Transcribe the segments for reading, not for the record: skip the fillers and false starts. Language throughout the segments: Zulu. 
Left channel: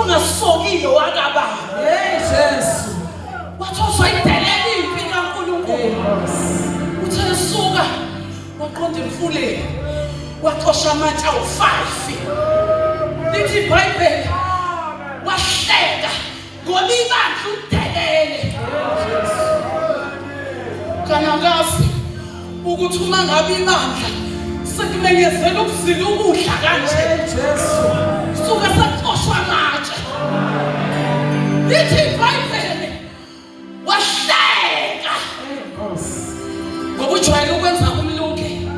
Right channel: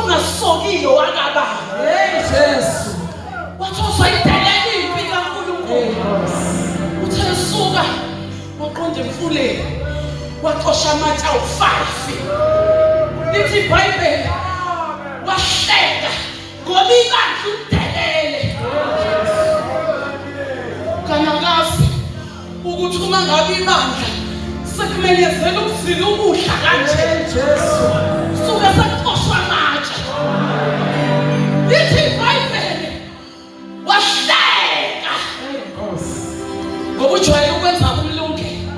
ongasokile wakaba Jesu wathoswa idelele impi kaNkulunkulu uthe suka waqonda emfuleni waxosha amatshe awu-5 lithi iBhayibheli wahleka ngoba ibandla udelele kanakazi ukuthi uma ngabe ibandla sekumenyezela ukuzila ukudla kanje Jesu suke saxoshwa amatshe lithi iBhayibheli wahleka ngoba ujwayele ukwenza umlungelo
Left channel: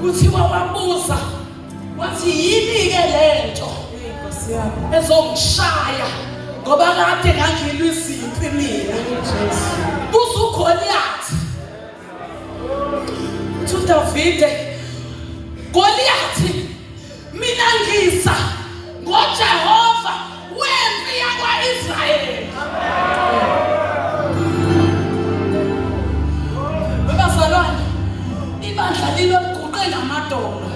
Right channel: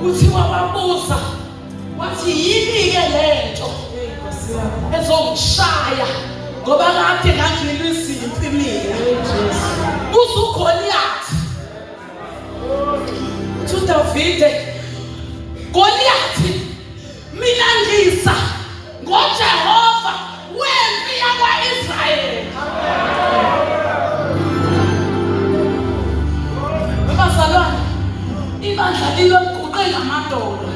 kuthiwa wabuza wathi yini-ke lento ezongishaya ngoba kade ngangilwa izimpi mina kusuGoliyathi uthi uDavide Goliyathi mina ngisa ngoJehova wempi yakwa-Israyeli bazalwane ibandla liloguqe ngamadolo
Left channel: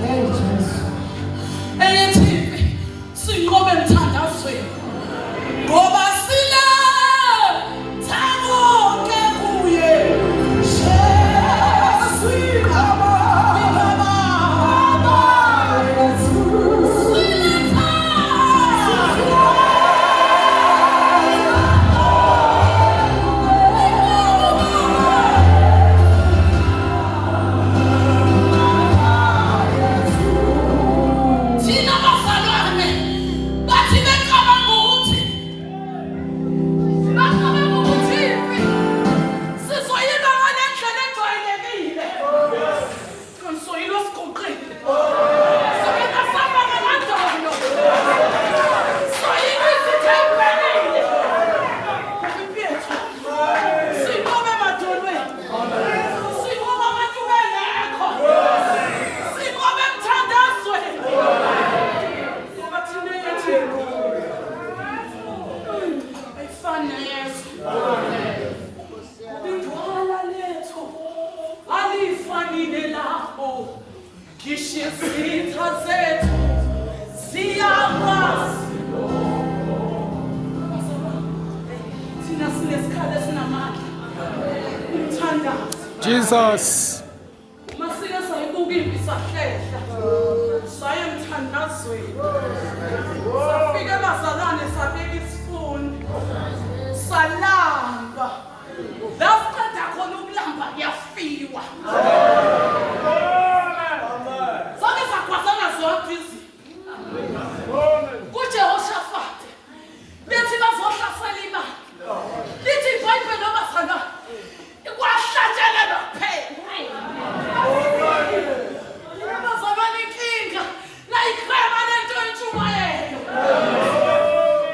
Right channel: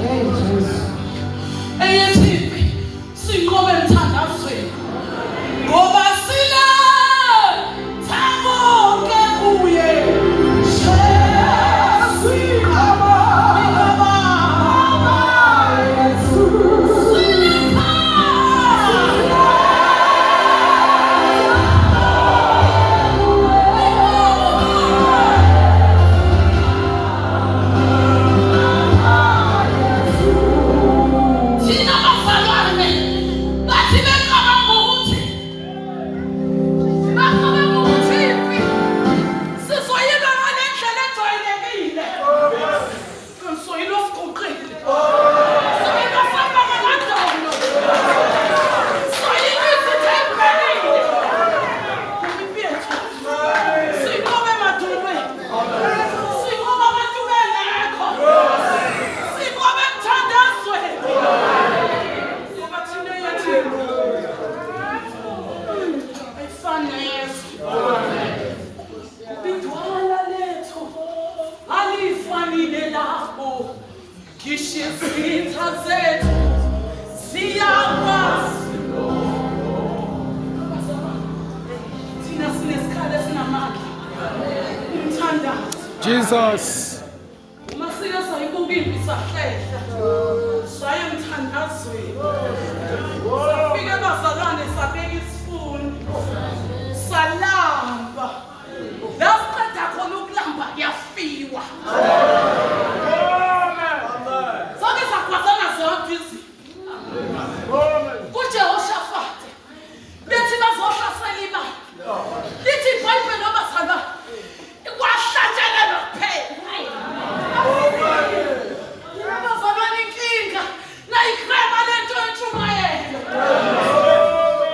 eyethi sinqobe emthandazweni ngoba sina thaboke kuye Jesus masike sayibuka impi sahlehla saya emthandazweni safika bazalwane sabeka isifundo salamba la siqeda khona ukulamba kuyafiwa sonke sakwazana zonke izinto kuJehoshafati bethi bazohlasela imali lithi iBhayibheli nobazalwane kwahlatshelelwa kuphela abazalwane inkinga nayikrema lento yentshumayelo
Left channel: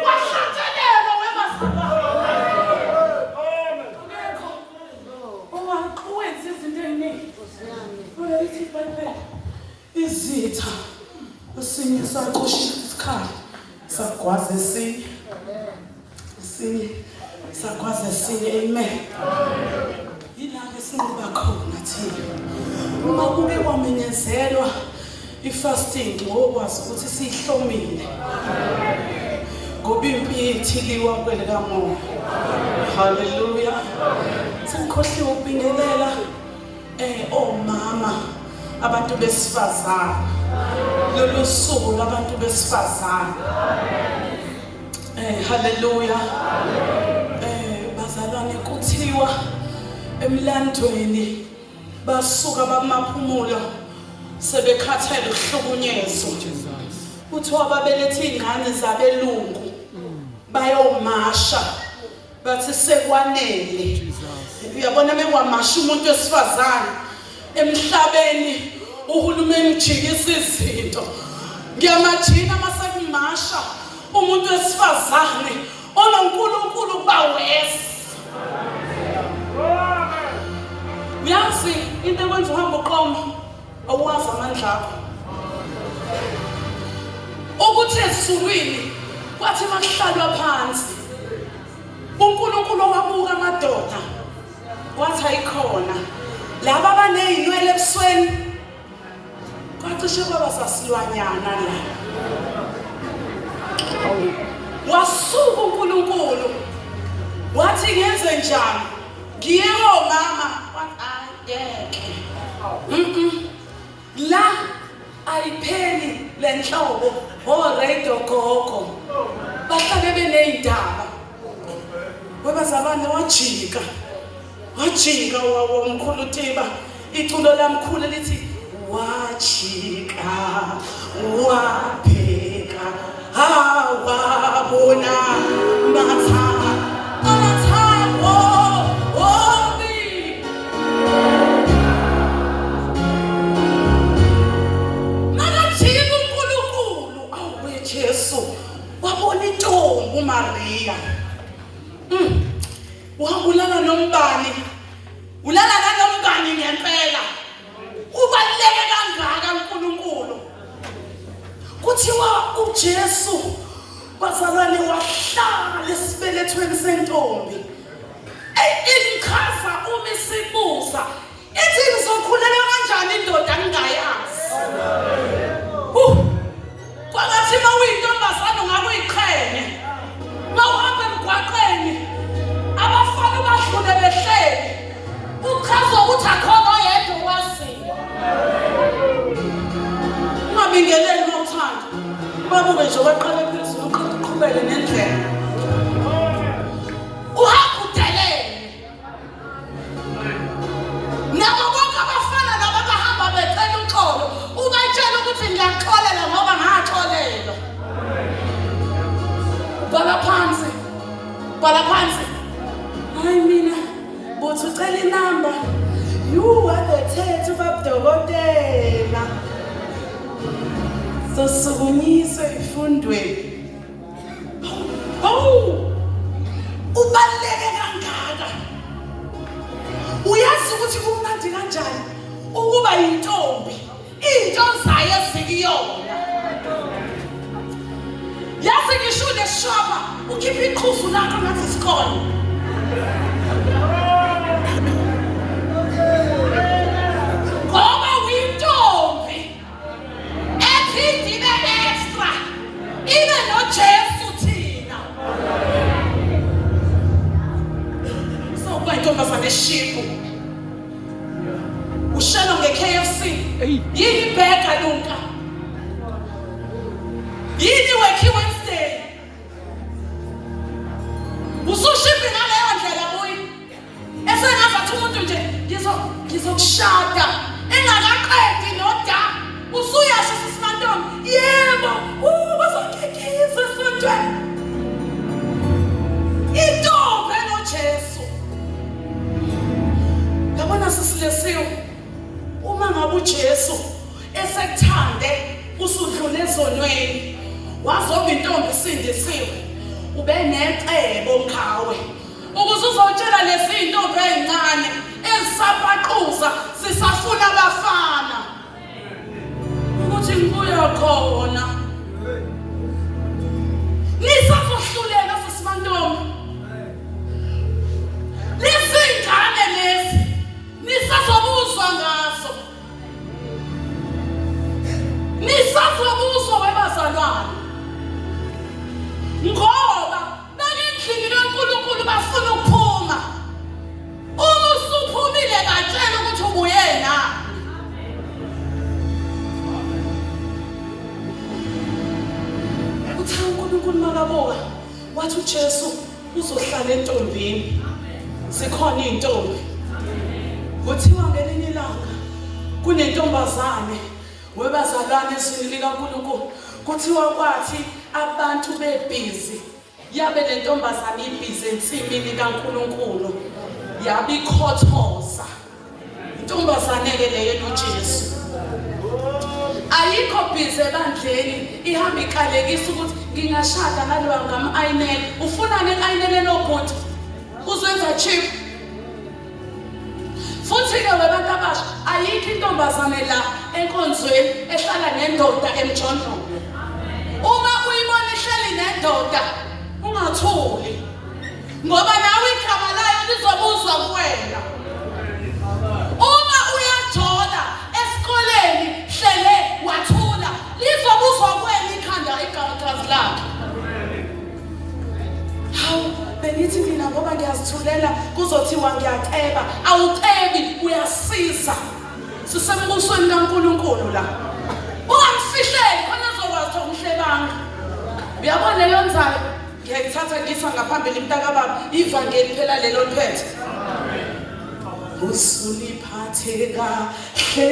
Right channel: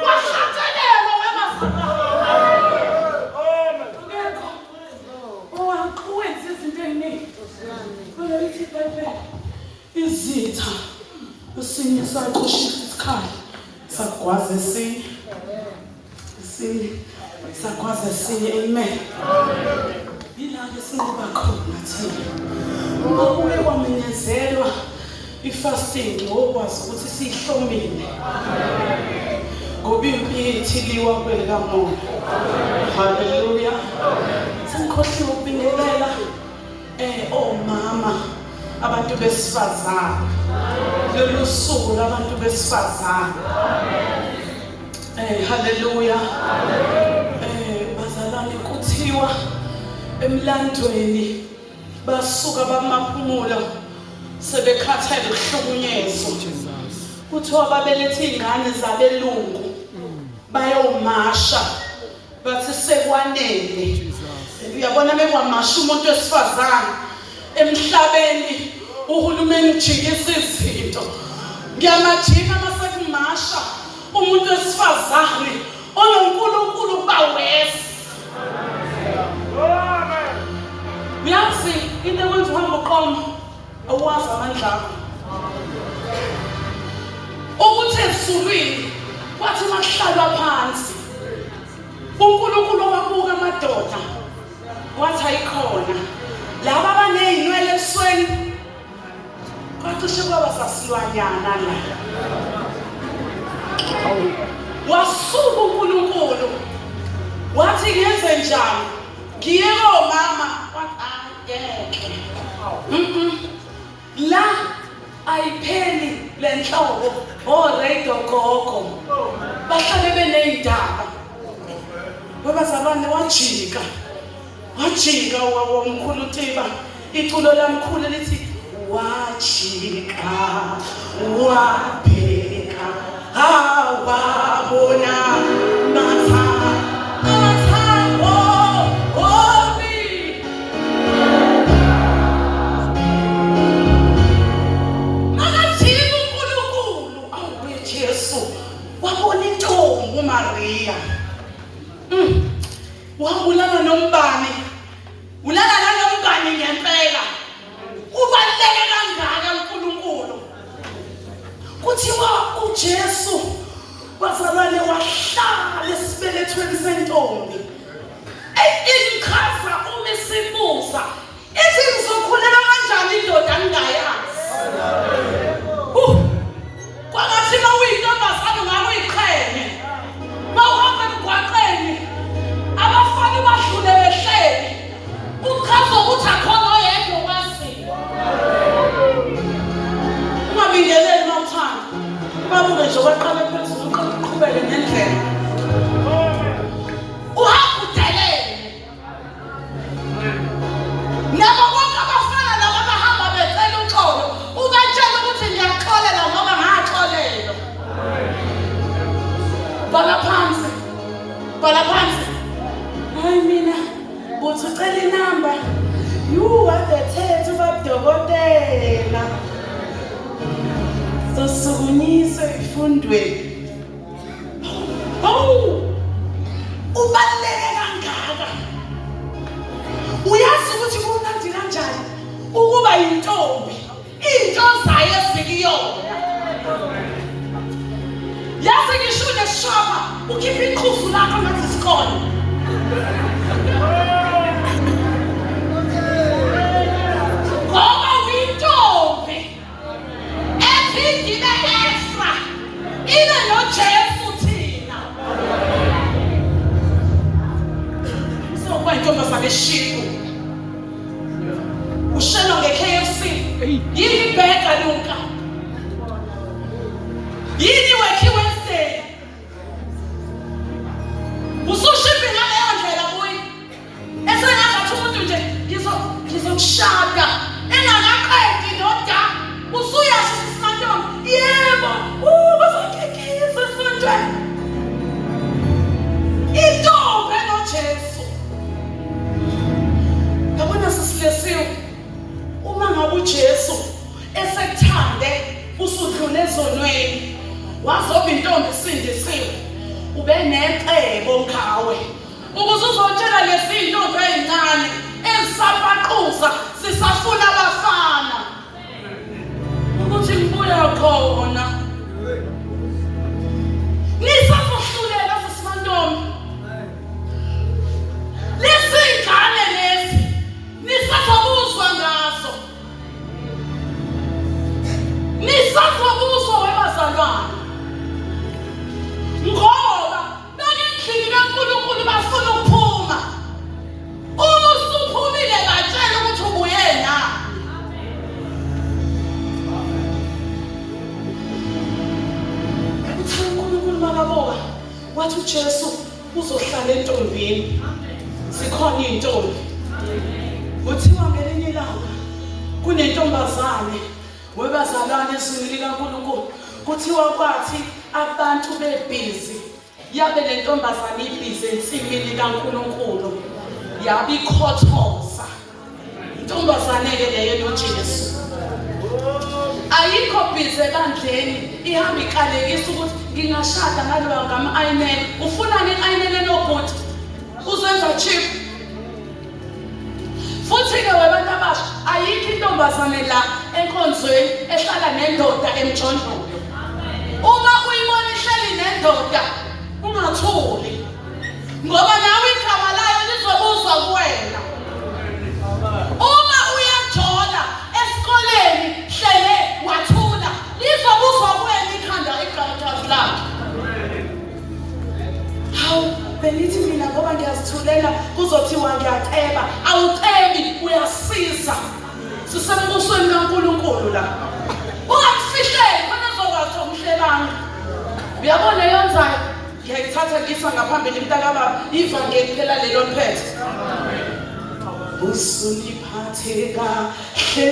kwahlatshelelwa wemazalwane ngekho owawenza izinto ey'ningi kodwa lithi iBhayibheli izitha esinye saqoshisa isikhali sagwaza esinye sagwaza esinye amen yila-ke sinqoba khona thina uma kube kwamenyezelwa i-fasting ngokwazi ukuthi siyihlomile ngoba impi yethu iliwa kwelikamoya haleluya sengikhohliwe ukubingelela omama abantu besifazane lolu suku labantu besifazane haleluya bazalwane kuthiwa emlandweni basuka bamaphumulo sebekhathele ukuhlukunyezwa kuthiwa babelethe ingane zabelungu bayomasha bathi sekwanele uyabona bekwamasha umuntu wesifazane emhlabeni uhulumeni ujikisa izinto ngiyamajika masekumasha umuntu wesifazane ononkulunkulu bawesi uyazi into ekwenza uhamba uqoma owazi amandla akho ukuthi ezulwini kwathi makuhlalwa phansi uNkulunkulu wabuka amadoda wathi ayikhona laba abaney'nwele ebusweni kwacishe kwaba sasilwanyana la Hawu. Wasuka uNkulunkulu wathi ngenze njani ngiye komama ayeke la ayipheli lenhlobo oradio gogo bahlale beneyindaba webazalwane wajika womkhulu Tiba iculo lamkhulu lithi wajika wabheka awabona mathambo omi nakathika uNkulunkulu awe Jesu wabona intombi uMaria wabulala nombani ulala nomngani ngempela ubaluleke kangaka uNkulunkulu kuthiwa uJesu bazalwane wahlala esibelethweni sentombi imkhaza uma isibuza ethi ngizokhulela kanjani indoda engayazi kwangathi mawuyintombazane ngakuyiqhenye mawuhamba emgwaqeni abafana badlule behleli ukhaza ukuthi akhona yedwa owaziyo ungabingeleli mawuthanda ubabuke nje waqala phezulu uqhubeke nendlela uhamba udelele nabo bonke abafana laba bahamba becela uxolo ubatshela ukuthi ngiyaxolela ngoba ngaxolelwa bhala phansi hayi mina buthi ucela inamba you are the thethe babudokotela sosukunyiswe ifundweni ubaluleke kangaka uyazi ukuthi kumnandi kanjani ukuba yintombi into zayo ezikuyona yazi ngisho neshoba ukhipha iqhuzu lakho ngathi isikhona ngoba uyintombi ephinde ibe extra ibe noJesu thina so kwayintombazane eshifu ushelo nge-KFC yini ibheka Luka yini Wacky Wednesday usushipi ngaleyo ndlela buyi esengazathi umuntu nje ngizokushada engakaqedi noda usuyasho sisantombi yebo bazokikisa esontweni intombi enoJesu yabona sisilesiwe uma ngabe uJesu esekuthande usudlule ezonweni wazoba intombi isindisiwe ube necebo ngawe ukuze uzotshela lezi intombi ezincane ezisabaqhuza sisafuna abafana ukuthi ngibuya khona nisazohlulela sisibantombi lezi ngane lezi nisazobuzwa ngazo nisazobuzwa webazalwane ngoba bakendlini kaNkulunkulu bafuna ukuphuma uma usuphumile batshela ukuthi ubuyena uthi uNkulunkulu makaboka wathi uJesu uzohlala entombini sikhona intombi kuthiwa ngelinye ilanga kunentombazane webazalwane ezweni likaNkulunkulu kuthiwa kwathi abantu bebhizi yabe le ntombazane ibhizi ensimini kaNkulunkulu yabikhothoza intombazane ke leyo noJesu ayikho bhizi ebandleni ihamba ikhalekisa ukuthi ngingashada ngaloya ngam-ayinene ufunani i-ayinene nobhuti uzenza chip futhi-ke webantu abasha ayikho intombazane la enkonzweni ehlala nendoda emjondolo uma uyibona ihleli nendoda ungathuli ngoba nawe igama layo lizobuzwa kuwena uma uyajola esikoleni hlele wathula lizobuzwa kuwena ikhanda igazi lakho kuzothiwa ngiyaceba. Awucebi, uyasiza. Sisembusweni kaNkulunkulu la. Ungamfihleli khona uzokwazi umhlelanga. Uyabona yenzayo? Ngiyayithatha ngisa ngaphambili mntaka baba ivangeli phela lelo phethe. Usuliphathe kahle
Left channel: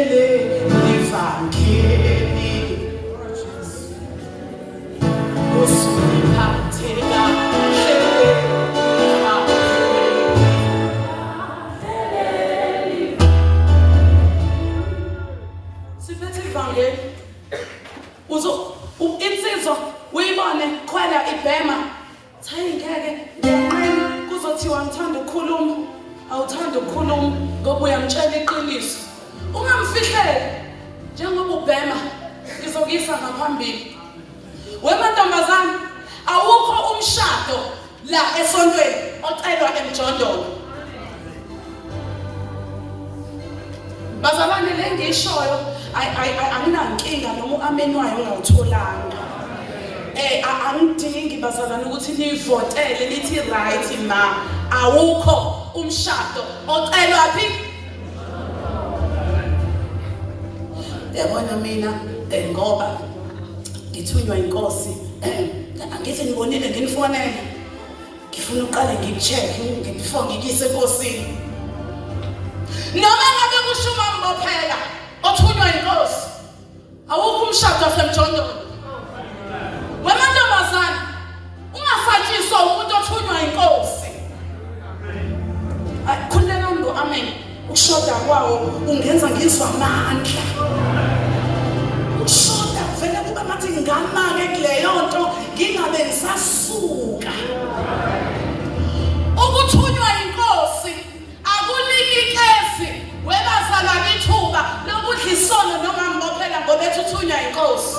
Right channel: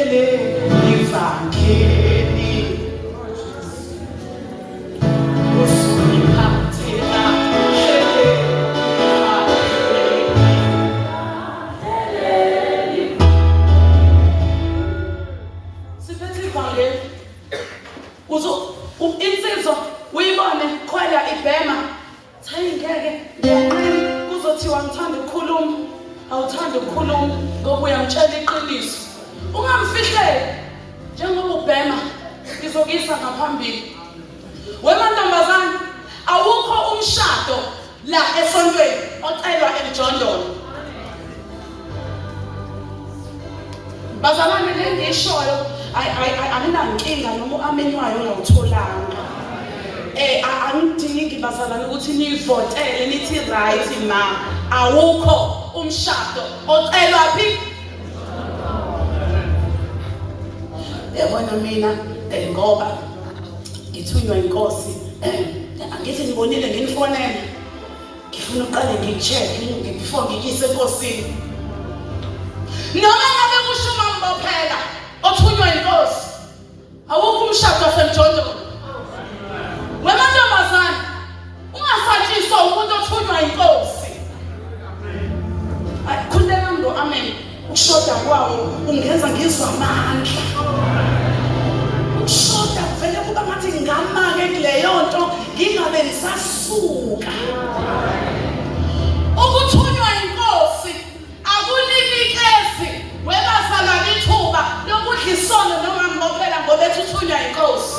ivangeli. Usuliphathe kahle ivangeli. Siphethe ivangeli. Insizwa uyibone khwela ibhema. Hayi ngeke ngiyanqeni kuzothiwa ngithanda ukukhuluma. Awuthanda ukukhuluma ngoba uyamtshela iqiniso. Ungamfihleli njengoba ubhema ngizokisa ngaphambili. Wemantombazane awukho umshado la esontweni ocelwa emjondolo. Bazalwane lengishoyo anginankinga noma uamenywayo ongawutholanga. Angidingi bazalwane ukuthi nivotele nithi right ma. Awukho umshado ocelwa phi? Yabona mina ngoba ngithunywa inkosi angithi ngibonile nginifonela. Ngifuna uqale ngicheck before ngikise enkosini. Noma ngabe kusho umambophela othunywa inkosi. Awukho umshado osemjondolo. Wemantombazane ungasatshiswa umuntu othunywa inkosi. Khuleka ngo amen. Ukushoda kwawo ungenza ngizwa amandla. Ukushoda vele kuba ngathi ngamake kuleyo nto ngingabe ngisasuka. Ukuthunywa inkosi akunikikezi webazalwane ithuba lokudla isono noma ngophela ngoba ethunywa inkosi.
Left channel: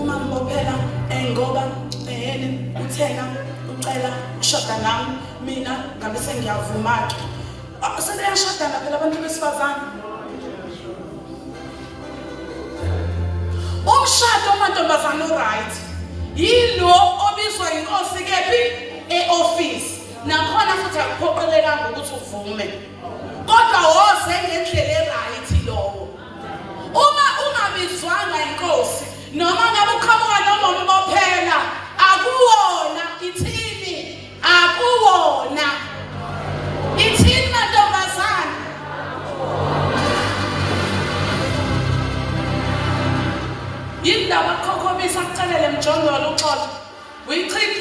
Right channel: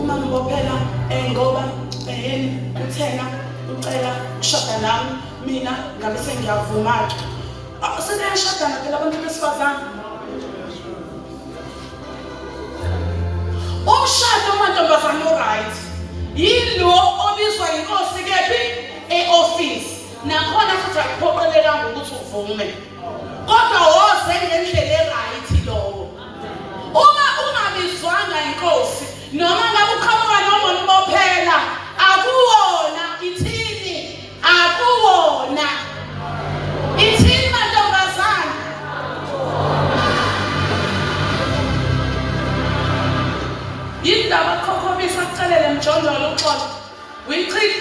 Umambophela ngoba uthenga ucela ukushoda nami mina ngabe sengiyavuma ke. Sebeyashadana phela abantu besifazane. Umshado wamantombazane right yilo obizwa inkosi kephi e-office. Nakhona futhi akuphoqeleka ukuthi uvume. Kodwa woze ngendlela e-right lowo. Uma ungabizwanga inkosi noma ngabe uqhamuka noma umbophela akuwona ithini akuwona ithini mantombazane. Yindaba khokhomisa kucelele emjondolo uxolo uyichitha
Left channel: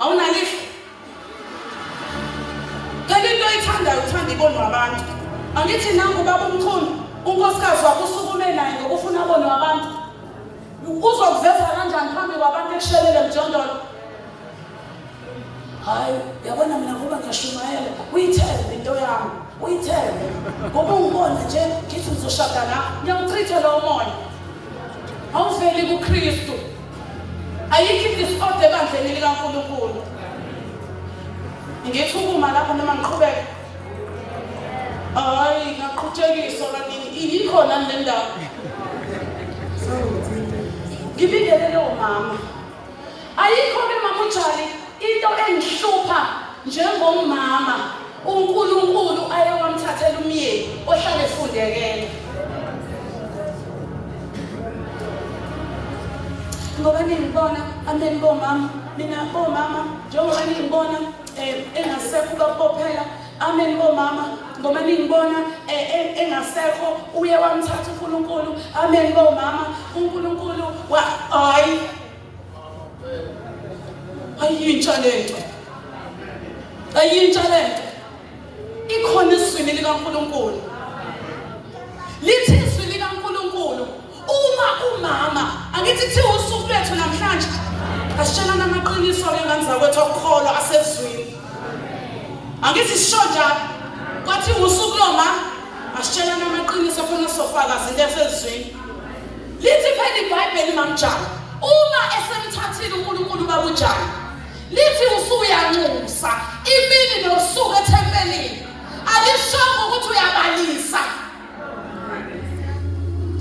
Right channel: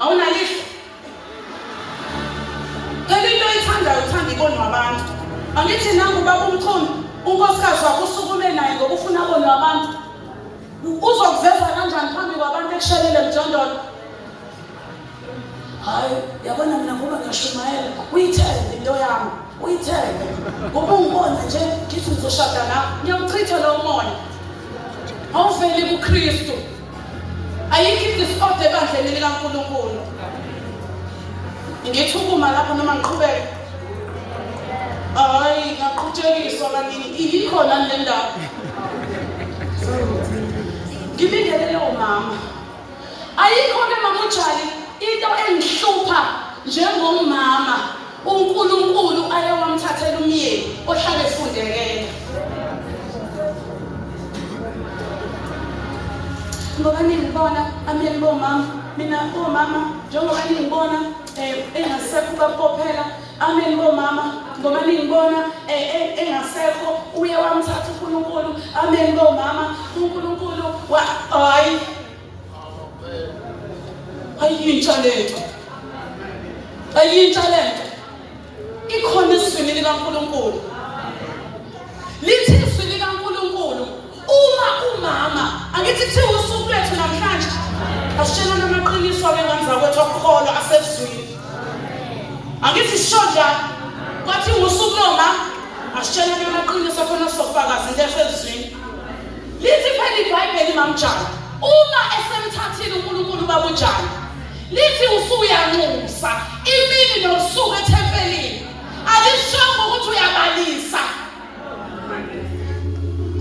awunalihlo phela into oyithandayo uthanda ibonwa abantu. Angithi nangu baba umkhulu unkosikazi wakho usukume naye ngoba ufuna abonwe abantu. Uzokuveza kanjani phambi kwabantu ekushelele emjondolo? Hayi yabona mina ngoba ngashumayela uyithembe into yami uyithembe ngoba ungibona nje ngithi uzoshada nawe ngiyawuchitha lowo moya. Awuveli kuKristu. Ayikho idiscord ebandleni likaNkulunkulu. Ngithi ukuma lapho noma ngiqhubeke. Hayi ngaqhutshekiswa kaningi iyikhona le ndaba. Ngibingelele leyo mama. Ayikho mama uJali into engihlupha njengomama uNkulunkulu ayewamthathela umyeni ohlala efundekela. Ngoba ningibona amen bomama mina bomama njengoba ningibona engasekho kaBophela amen bomama ngoba ningibona engasekho uye wamthatha uNkulunkulu amen bomama uNkulunkulu hayi ayintshalento ikhona isizwe likaNkulunkulu lithi isizwe likaNkulunkulu uma umama angithi kuthiwa usuku lethu namhlanje asitshela namaqiniso ke ngandlela kwethu okukholwa asezweni. Angithi sishoja kwathi usuku loma asitshela namaqiniso khona sofakazi lesezweni. Lithi phela iBhayibheli mamjani uma esemthathile uNkulunkulu babujani lithi usuyanxusa imini nosuku ethempelini alishongo ukuthi uyabalisa.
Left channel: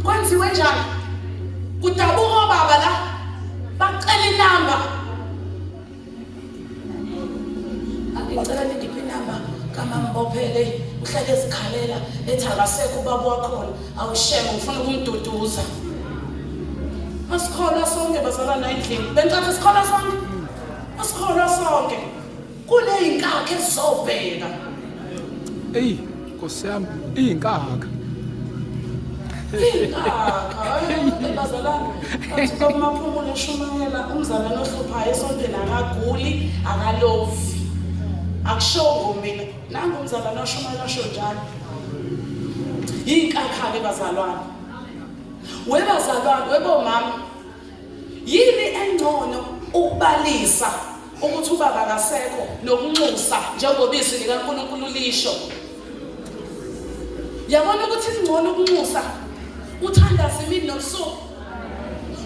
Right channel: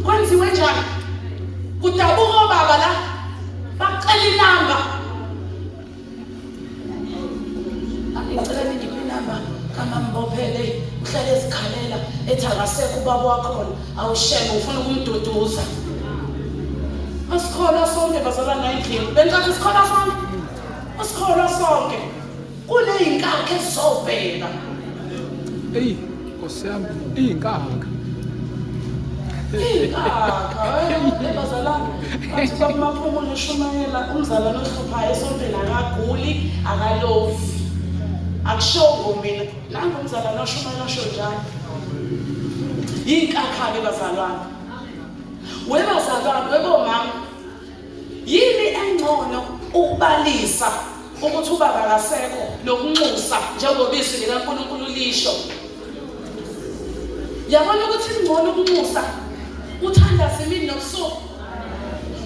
Kwenziwe njani? Kudabuka obaba la bacela inamba ethi akasekho ubaba wakhona awusheme ufuna ukumduduza. Asikholwa sonke bazalwana endlini. Benzathi sikholwa sonke? Asikholwa sonke. Kuney'nkakha ezizobheka. Eyi, Nkosi yami, iy'nkakha. Bazalwana, athi kwamaphumulo eshumayela umzalwane ohluphayo esontweni akaguli, akalovi. Akushongo mina, nangu umzalwane oshumayela osho njalo. Iy'nkakha-ke bazalwane. Webazalwane, webomama, yini engcono ukubalisa ukuthi ubaba akasekho nokunxusa njengoba izwi likaNkulunkulu lisho? Yabona ukuthi ingcono ukunxusa uthandaze imini nobusuku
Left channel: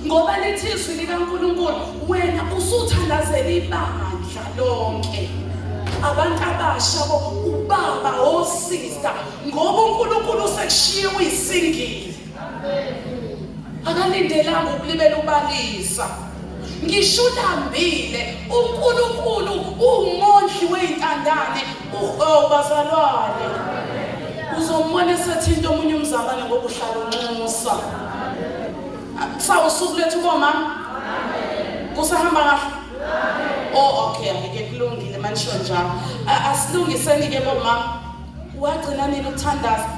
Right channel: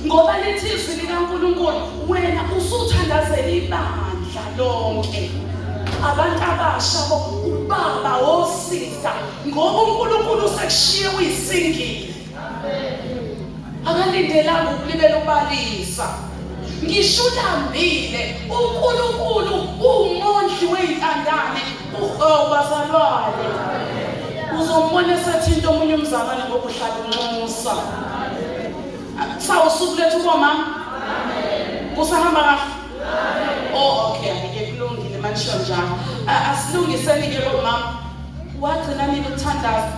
ngoba lithi izwi likaNkulunkulu wena usuthandazela ibandla lonke abantu abasha ubaba osista ngoba uNkulunkulu usekushiye uyisingile. Akalindelanga ukulibela ubalisa. Ngisho ulambile uNkulunkulu ungondli wey'ntandane bazalwane. Uzombona esethinta omunye umzalwane ngoba uhlala unxusa. Sawusuku lethu bomama? Kusahamba kahle? Oh okay, ngeke kulungile manisho njalo. Asilungiseni-ke bomama. Wagcina nini ukuthandaza?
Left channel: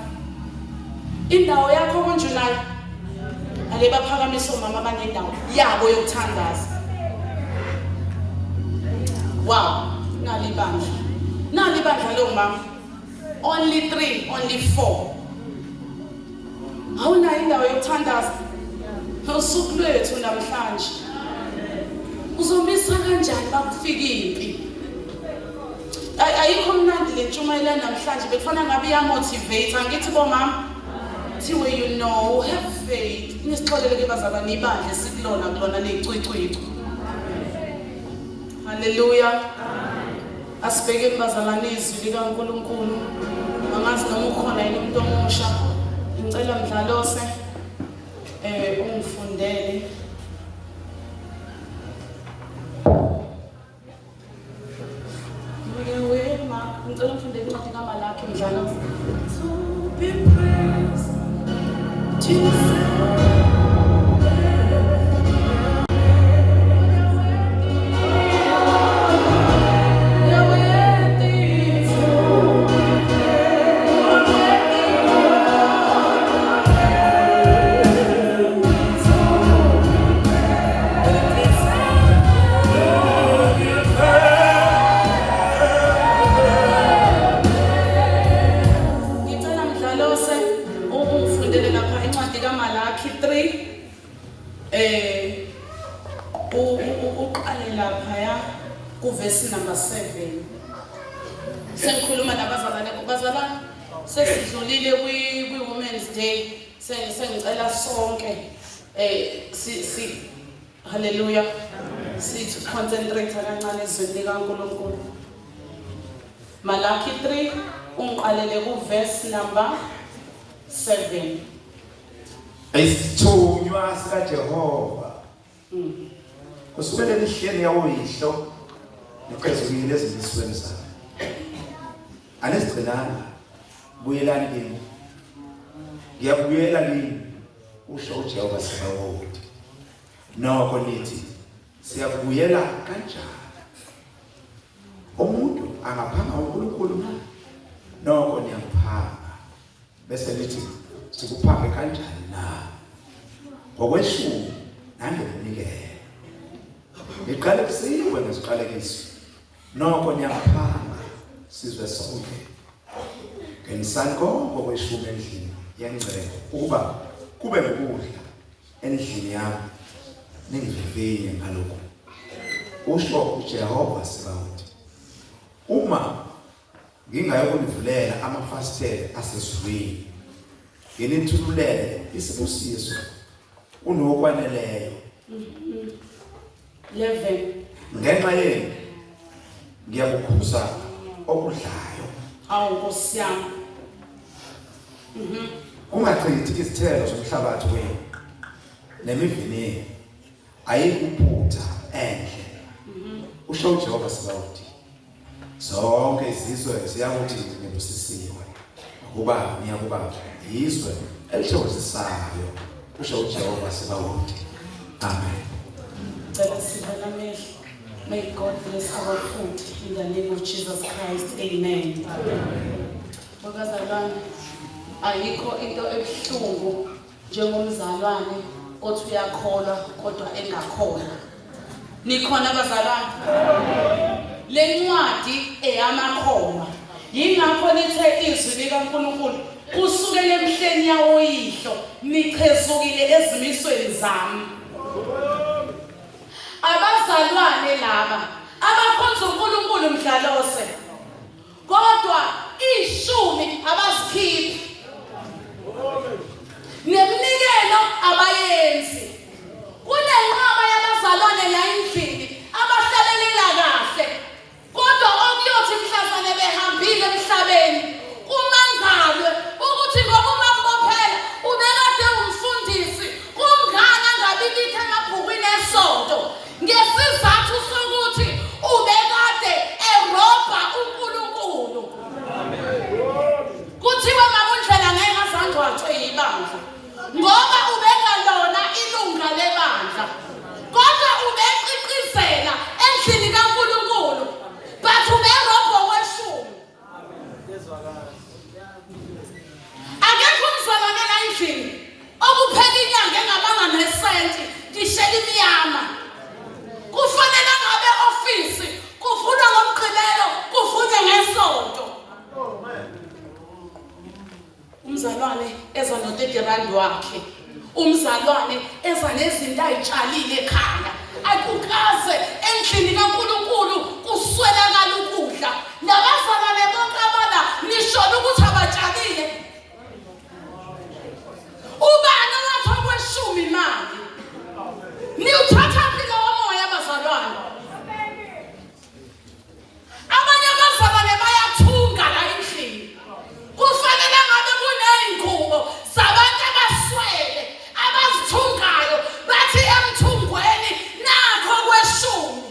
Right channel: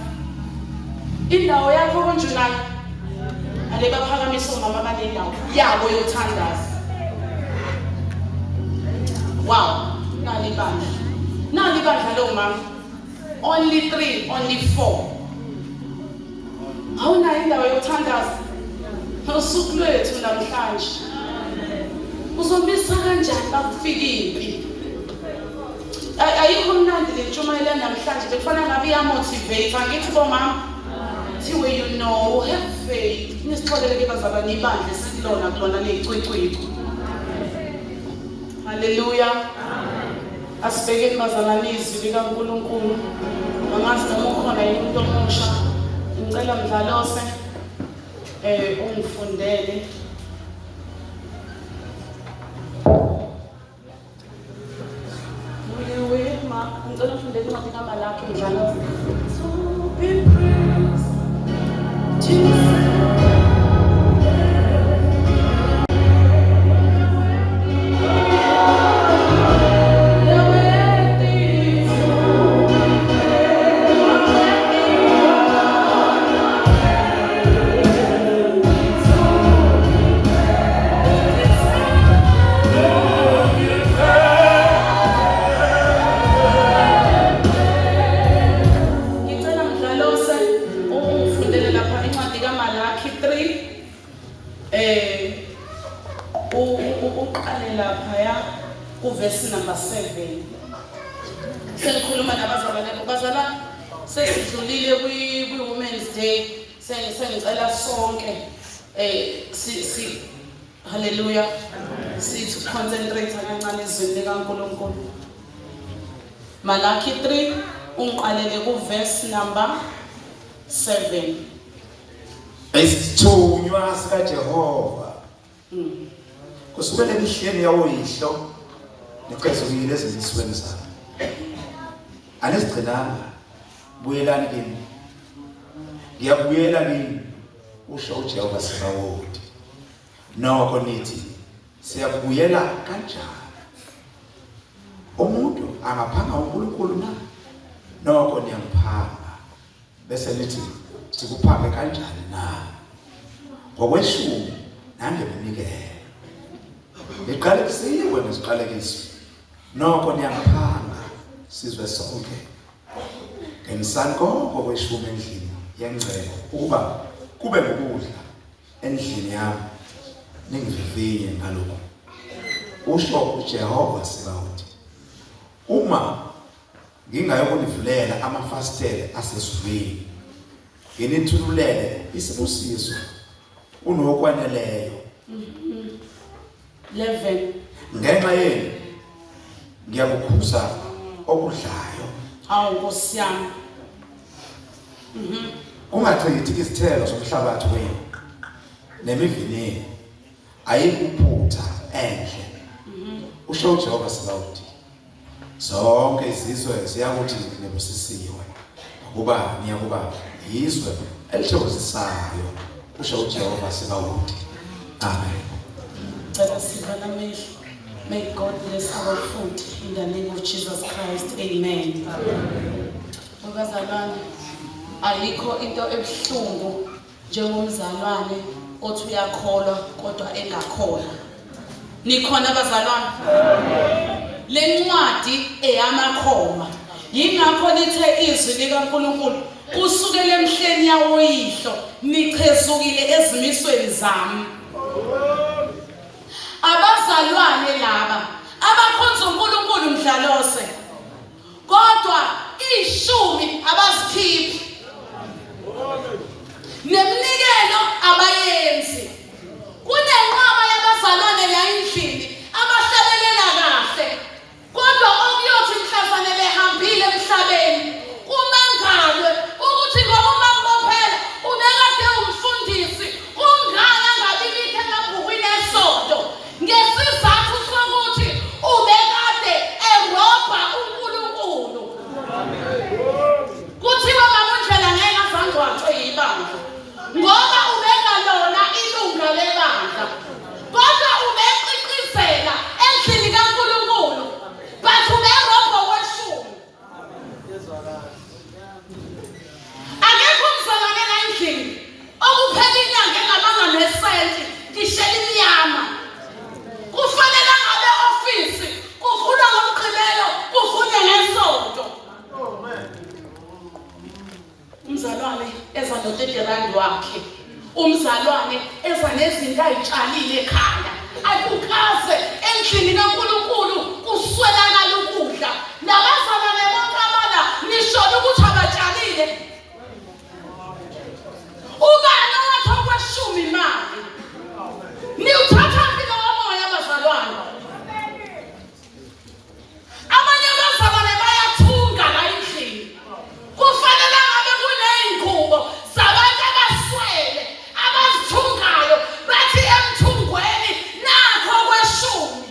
Indawo yakho konjunayo? Ale baphakamisa omama abanendawo yabo yokuthandaza. Wow, nali bandla lo mama. Only 3, only 4. Awunayo indawo yokuthandaza? Usuku lwethu namhlanje. Uzombisa kanjani bakufikiphi? Ayikho mnandi le ntshumayelo namhlanje bekufana ngabe iyamotivate. Angithi bomama? Thiwe you know, have faith. Nisixolele-ke bazalwane ibandla esikulona kulona ley'cwicwicwi. Haleluya. Asibhekeni bazalwane izwi likaNkulunkulu. Angazi noma ukhona yini umuntu omusha. Ngicela Mdlalose ungifundele. Ngicela ufundele incwadi kaMalaki Mdlalose. To be praised, Jesus. Uqale lapha kuverse number 7. Sengikhuluma nabazalwane bazalwane sesidlulile kwi-Women's Day. Sengicela sonke haleluya sithi concentrate kancane ezweni likaNkulunkulu. Malaki 3 ungiqalele kuverse number 7. Isithunywa sikaJehova kusukela emihleni yawoyihlo neqhaza kuyile ezimisweni zabo. Anesigcinanga buyelani kimi. Ngiyabuyela kimi usho uJehova Sabaoth. Nokho nithi siyabuyela kanjani? Umuntu angaphanga uNkulunkulu na? Nokho niyaphanga. Bese lithi sikuphange kanjani na? Ngokweshumi nangemunikele. Niqalekiwe nesiqalekiso. Nokho niyaphanga sizwe sonke. Ngemisako ngokweshumi endlini yengcebo ukuba kube ukudla endlini yami. Ningivivinye ngalokho. Usho uJehova Sabaoth. Uma ngingayokunivulela amafasitela asezulwini. Nginithululele isibusiso unokwaneleyo. 11. Ngenxa yenu ngiyakukhuza okudlayo. Hawu Nkosi yami. Ungachithi izithelo zomhlabathi wenu nemivini ayikuphutha enhle. Usho uJehova Sabaoth. Zonke izizwe ziyakuthi nebusisiwe kuba ngiyakuba yizwe elithokozisayo kusho uJehova sibakude. Amen. May God bless our food in the name of Jesus Christ. Amen. Bazalwane, ayikho into ebuhlungu njengomzalwane othi uyakholwa kodwa engakholwa. Nikhona bazalwane? Le ncwadi eyamakholwa. Yingakho lithe izwi likaNkulunkulu usukele emhleni yawoyihlo nichezukile ezimisweni zami. Abazalwane laba abakhonza uNkulunkulu mdlalose kodwa ishumi abazikhiphi neminikelo abayenzi. Kunenqaba yabazalwane la endlini abahlabelela kahle kodwa okuyothi mhlazane behambile emhlabeni kumangalwe ukuthi ngoba umambophela ubekade umfundisi ungana ngabibikho emabhukwini esonto ngesizathu sokuthi ubekade erobha uNkulunkulu. Kuthiwa mamundlela ngeke azange wathwe ibandla ngoba ubengalona ilunga lebandla kodwa ubeqiqizela endlini kaNkulunkulu but uberobha weshumi. Akekho umzalwane la endlini okuphela inyanga engabanga nesenti ngishela imiyama. Kufanele ngabe ofisi kuvulwa ngomgqibelo kuvunwe ngesonto. Umzalwane eza no-30 wakhe, umzalwane eza nezinto ayitshalile ekhaya, akukaze endlini kaNkulunkulu kuswelakala ukudla. Labazalwane bonke abana nishona ukuthi abatshalile. Ubani owathi okweshumi imali? Niwuthatha mpilo womoya abazalwane. Abanye abazalwane bayathunga la endlini. Kufanele ngabe kuney'ngubo zabantu abaswele abazithungayo bathi emthungweni nakho kweshumi.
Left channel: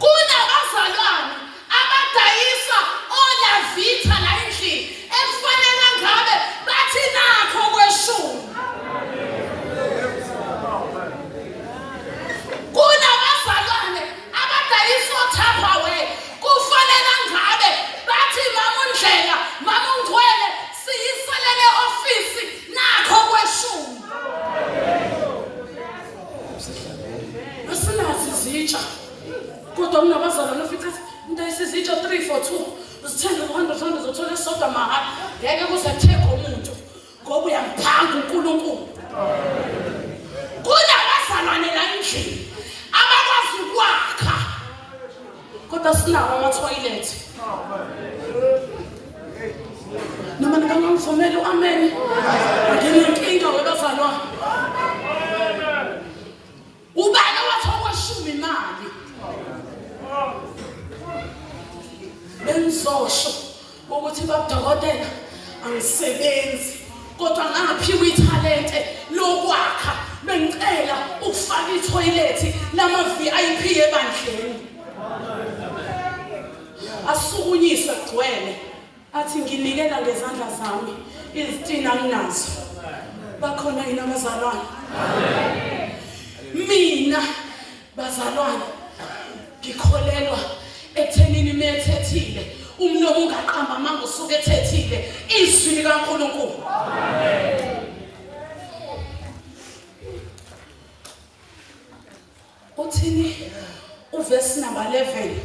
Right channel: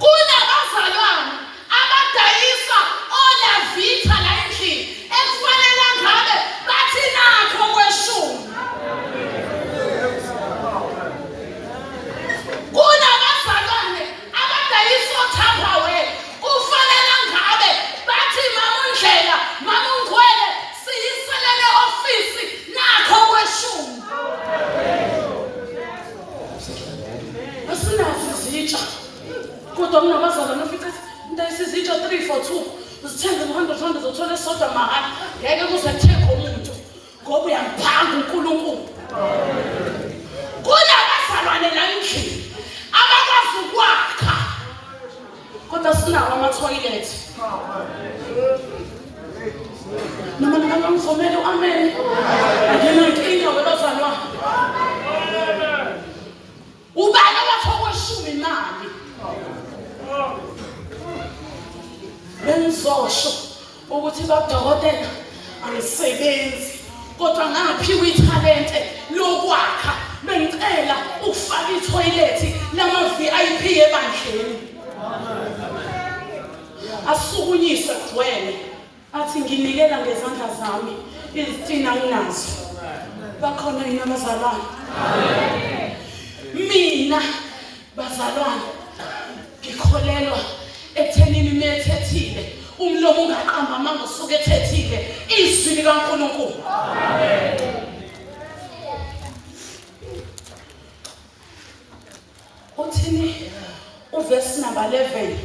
Kunabazalwane abadayisa olavitha la endlini ekufanele ngabe bathi nakho kweshumi. Kunabazalwane abadayisa oTupperware kufanele ngabe bathi mamundlela mamungcwele siyiselele ofisi nakho kweshumi. Asinazi izitsha kodwa kunabazalwane ufithi ndayisa izitsha 3 for 2 uzithenga 100 uzothola esodwa mahhala ngeke kuze kuthenge umuntu ngoba uyampanga uNkulunkulu. Kunabazalwane la endlini abakwazi ukwakha kodwa sinawo amathoyilethi. Noma ningangifomele u-amen. Nginenkinga webazalwane. Ubani owathi okweshumi imali? Bengizosho ukuthi babudokotela angisebenzi kodwa ngaphiwa ithalente lokwakha. Bengicela ukufaka ithoyilethi lama-VIP ebandleni. Asukunyiswe kugcwele athi nginikela ngezandla zami izitina nginazo. Bakhona yini abazalwane? Mina bazalwane ngikholelwa ekuthenini methethile umlomo ungaqamba amanga usuke ethethile izwi likaNkulunkulu. Uthini uverse number 11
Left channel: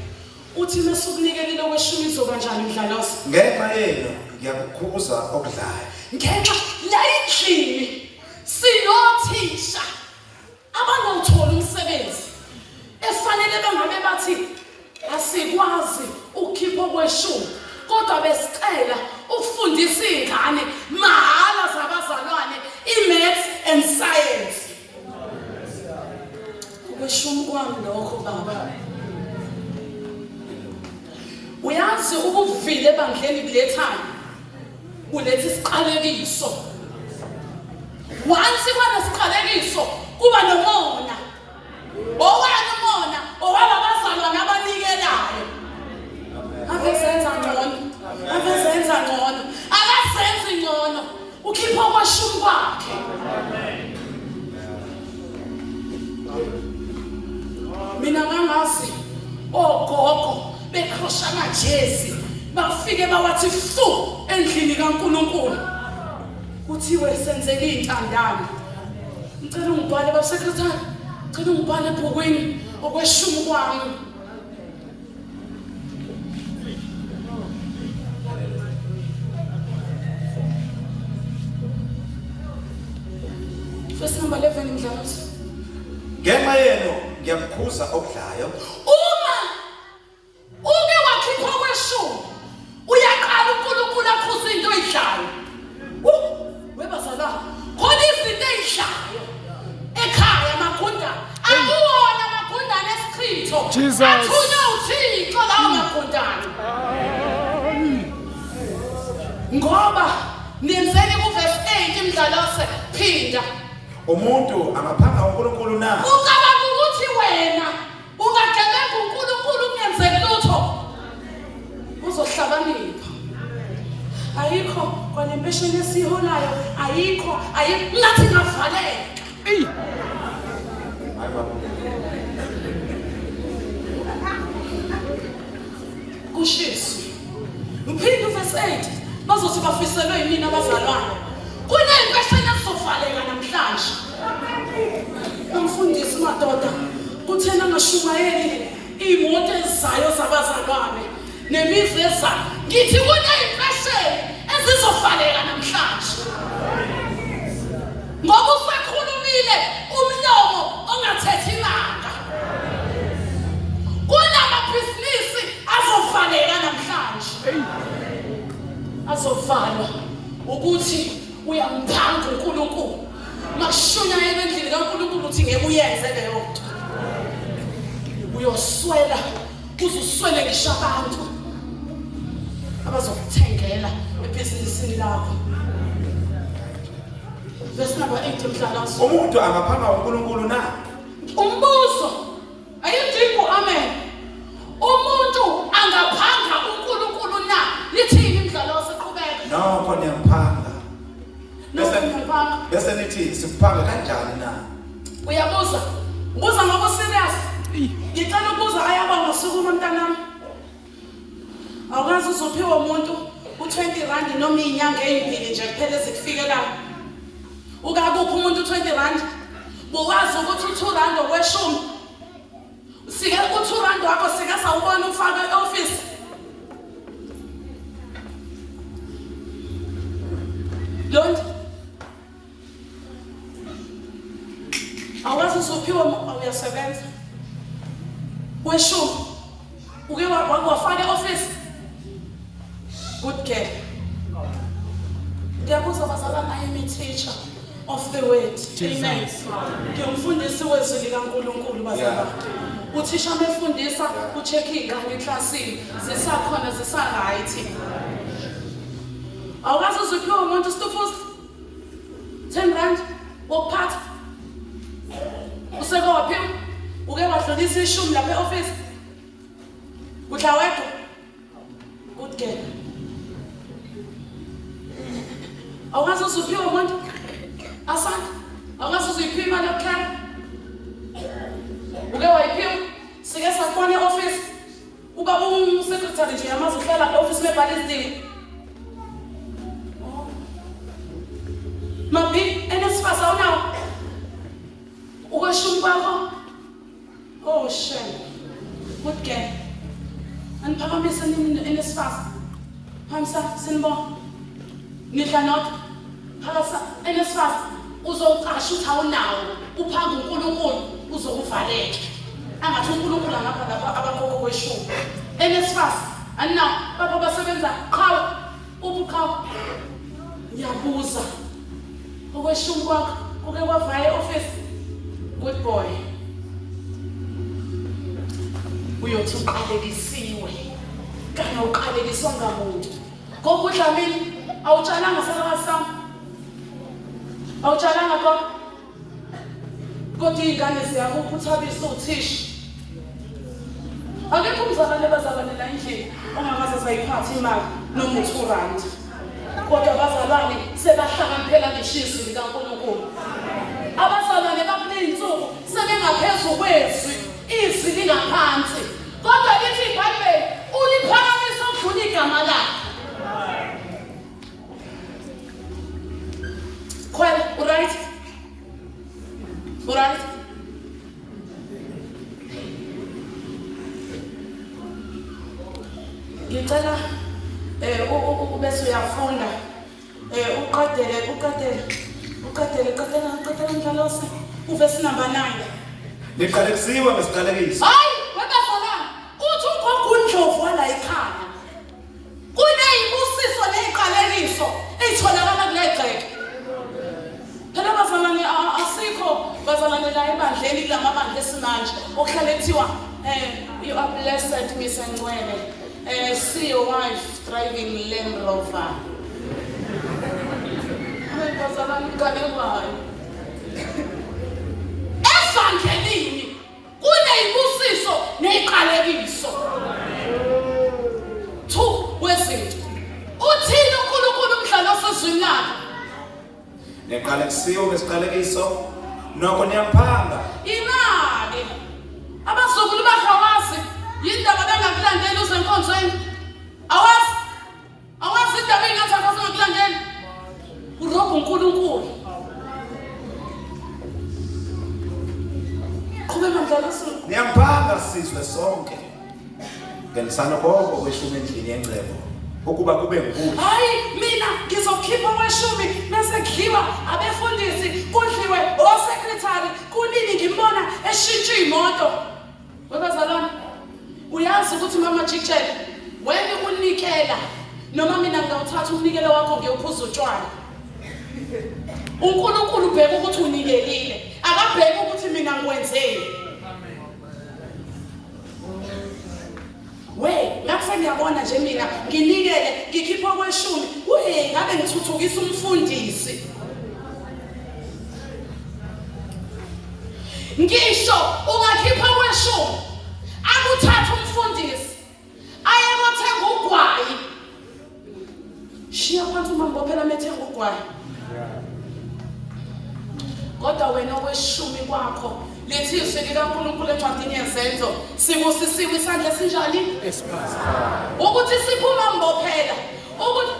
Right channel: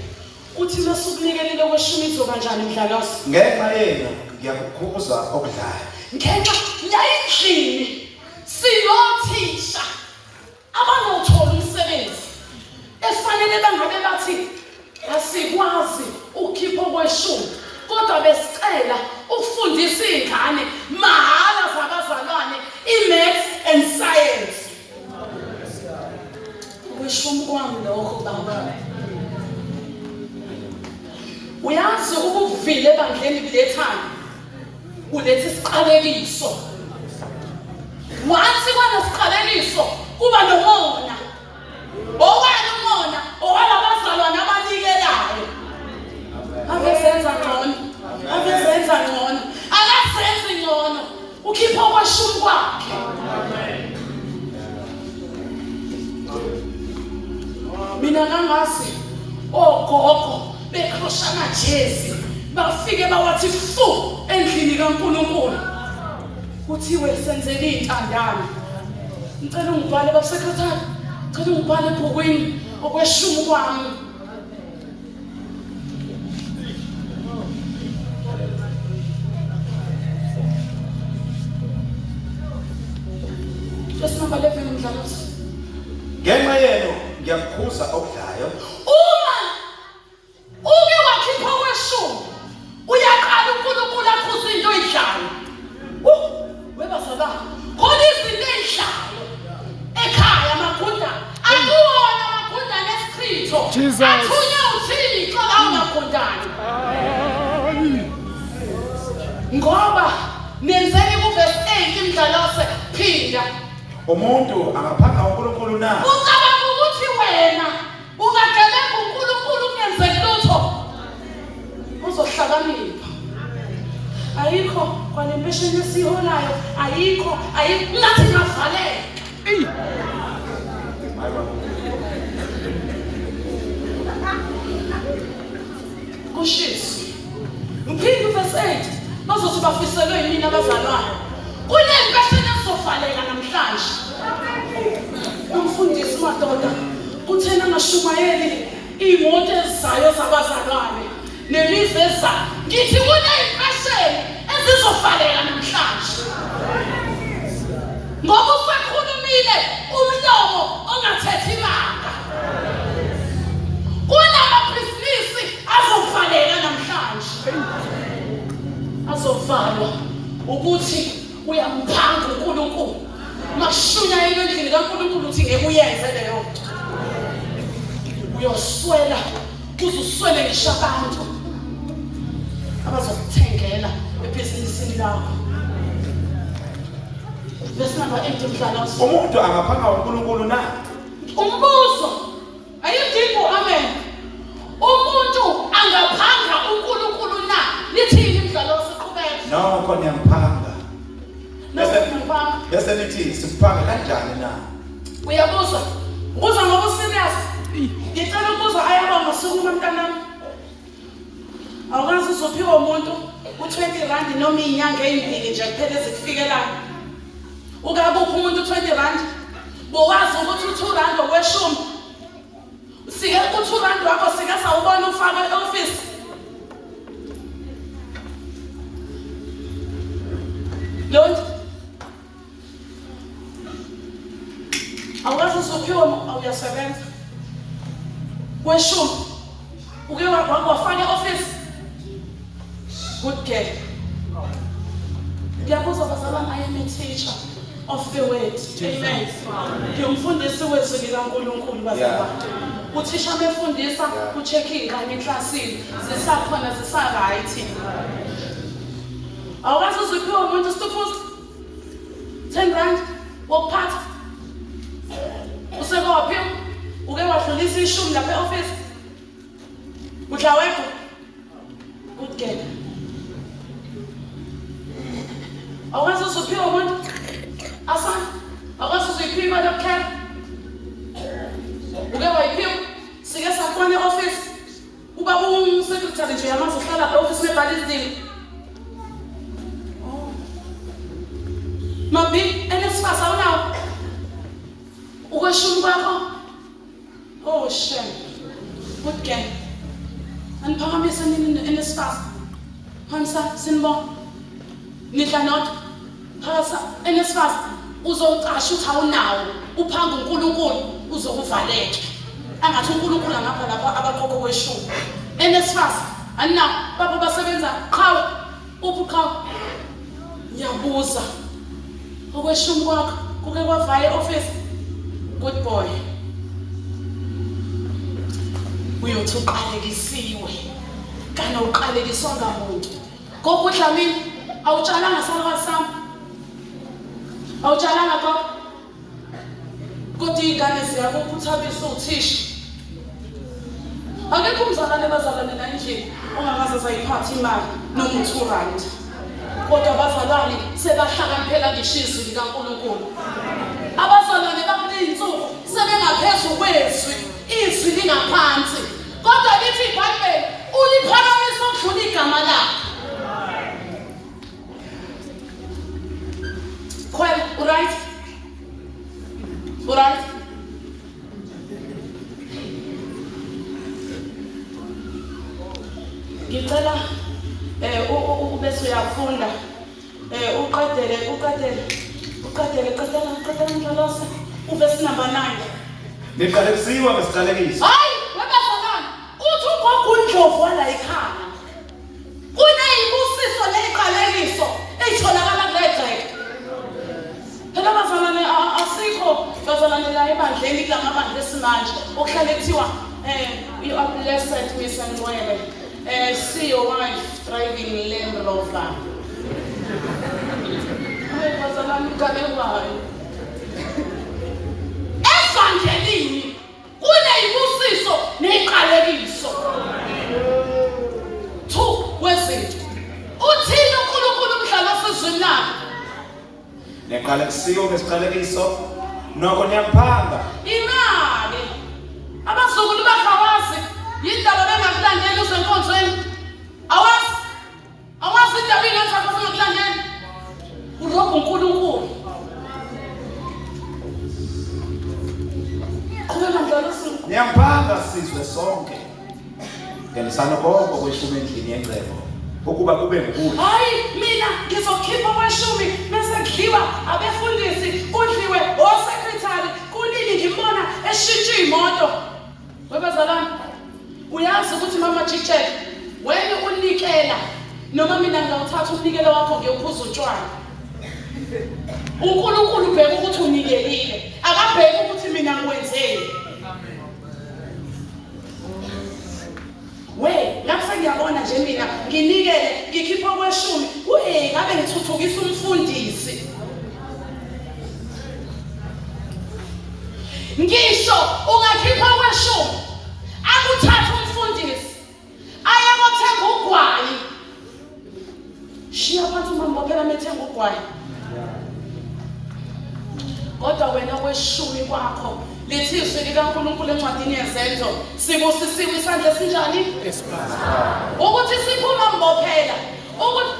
uthi masukunikelile kweshumi izoba njani mdlalosi? Ngenxa yenu ngiyakukhuza okudlayo. Ngenxa la endlini sinothisha abanawuthola umsebenzi efanele bangabe bathi asikwazi ukukhipha kweshumi kodwa besicela ukufundisa izingane mahala zabazalwane i-maths and science. Kweshumi kwami lokho baba. Uyazi ukuvile ebandleni kulethana kuletha isiqalekiso. Once kwanesiqalekiso kuba nomona. Owena umona owalabazalwane abanikelayo. Ave ngokweshumi kwakhe. Mina ngangazi ogogo bekrosha amajezi bafike bawathi fu endlini kaNkulunkulu. Kuthiwe senzele intandane. Ngicela ungibhale basekretari. Ngicela ungibhale ebhukwini okweshumi kwami. Verse number 11 Mdlalosi. Ngenxa yenu ngiyakukhuza okudlayo. Uma uke wakhipha okweshumi uyaqala uNkulunkulu akhuza into oyidlayo. Webazala khona izinto ezidlayo ekhaya magunda akuwona magunda nesichitho athunywa uThixo lawo magundane. Ngoba nenzeni kuverse 8 Mdlalose phinda. Umuntu angaphanga uNkulunkulu na? Ucabanga ukuthi wena ungagebenga uNkulunkulu ungenzeki lutho? Uzohlakanipha. Ayikho kwale mpesheni esiholayo, ayikho nathi ngavaleka. Kushisi. Mphindi verse 8 bazothi bafiselwe yimina abazalwane. Kunempesheni esovaleka namhlanje. Umfundisi madoda kuthena noShumayeli imoto ezizayo zabazalwane nemiveza ngithi kunempesheni ezizovaleka namhlanje. Ngoba usekhulumile umlomo ongathethi imanga. Kunamabhizinisi azovaleka namhlanje. Azovalwa ukuthi uyamphanga uNkulunkulu. Mashunya endlini kaNkulunkulu uthi ngeke uyenze leyo nto. Uyoswela uzuswele ngisho abantu abazokuthengela ebhizinisini lakho. Verse number 8 Mdlalosi. Umuntu angaphanga uNkulunkulu na? Umbuzo ayidingo amen. Umuntu angaphanga uNkulunkulu na? Nithini Mdlalosi qhubeka? Nokho ngiyaphanga. Nokho Bese nithi siphanga kanjani na? Uyabuza. Ubuza ngoba serious. Ngicela ukuza ayabonga sukuma mntanami. Awukazi uzophiwa umuntu u20 rand noma inyanga ezimbili nje kuphela ezikufikela. Ukabuphi umuntu u20 rand? Bowazi ukuthi u2 rand okweshumi. Sike u2 rand wakho sike sawubona ufaka e-office. Lord awukazi uzophiwa awuyasebenza. Kweshumi uke wafaka e-office. Good girl. Ndiyabuza bazalwane, I am a teacher of the word. Amen. Ngiyumfundisi wezwi likaNkulunkulu bazalwane. Uthisha befundisa ucheck ingane eklasini zisakhona zisaright. Awukazi uziphiwa umuntu stufuza 10 rand wokuphatha. Usekophi uke wadlulisa ishumi lapha e-office. Udla wedwa. Good girl. Awukazi uziphiwa umuntu asana. Awukazi uziphiwa imali yokukhela. Uke wayiphiwa sike sakhona e-office. Uba umsecretary nje yamazi uhlala lapha e-office webhala izidingo. Mabi enesifasa awunawo. Ukweshumi kwakho. Oh shame. Good girl. Aniphakamisa nini enesifasa? Hamsa sinibona. Nidla not. Phasa enesifasa uzocasha uthi awunawo. Uphanga uNkulunkulu uzokuvaleka. Angathi uNkulunkulu ngapha lapha abakhokho kweshumi. Enesifasa aninawo baba basebenza qhawe ubuqhawe. Ngiyabuza. Okweshumi kwakho kuke kwavaya e-office. Good boy. Uyothi uqalekisiwe. Kana uqaleliswa ngamuntu. Kokudla mina awutshalanga salwa sami. Awutshalanga kodwa ingane ziyakupha uthabisa uthisha. Akekho umzalwane bazalwane la endlini ongakaze sayiphatha imali noma u2 rand. kodwa abazalwane sebahlakaniphela ngishizo likaNkulunkulu. Abazalwane bakuley'nsuku sebengaphezulu kwezwi, izwi lingaphansi. Kodwa lithi iBhayibheli uliphakamisa ukudlula igama lakhe. Well, right? Right? Ngicela ubese uyafunda uqedele Mdlalose uvesi number 9. Liqalekiso ngesiqalekiso. Hayi, webazalwane, uthi ugogo uNdlovu wala ekhaya. Kuneyibusiso neziqalekiso ezitholakala kule gceke. Phela bazalwane asikho bazalwane la ebandleni kulamabandla esimanje okuhlale kuthiwa you are blessed Miss Ncwele. See your wife driving Land Rover. Bazalwane kabelwayo. Evangelini kuneyibusiso neziqalekiso. Two wezinto. Uthini uNkulunkulu Mdlalose ezweni lakhe? Liqalekiso ngesiqalekiso noko ngiyaphanga. Imali. Abazukulu bakhawazi yindaba bengakulandeli uzenkonzweni. Awazi indaba ingenza ngakulandeli. Urobha uNkulunkulu. Qhubeka Mdlalose. Ngiyaphanga sizwe sonke. Ngelisana konke kweshumi endlini yengcebo ukuba kube ngukudla. Hayi mina ngizokhipha okweshumi bese kudliwa abefundisi, kudliwe osekretari, kunini ngibona eshintsha imoto. Webazalwane, uyazi ukuthi mama Chichele, wena unikela noma mina ngawuthatha umnikelo wakho ngiyophuza utshwala. uNkulunkulu ubheka ukuthi unikelile, akabheki ukuthi mina ngikwenzeni. Lapho ngiyabona nje mina nginikele ngikhipha okweshumi, ngabe ngithuthukisa umfundisi. Ngisho ungakhipha okweshumi, akuthatha umfundisi ayekothenga ugwayi. Shiya abantu mambophela methenga ugwayi. Kodwa wena kweshumi kwakho lithi izwi likaNkulunkulu encwadini yezenzo sibusisiwe isandla esinjani? Ukuthi siphuma mbophela ukuthi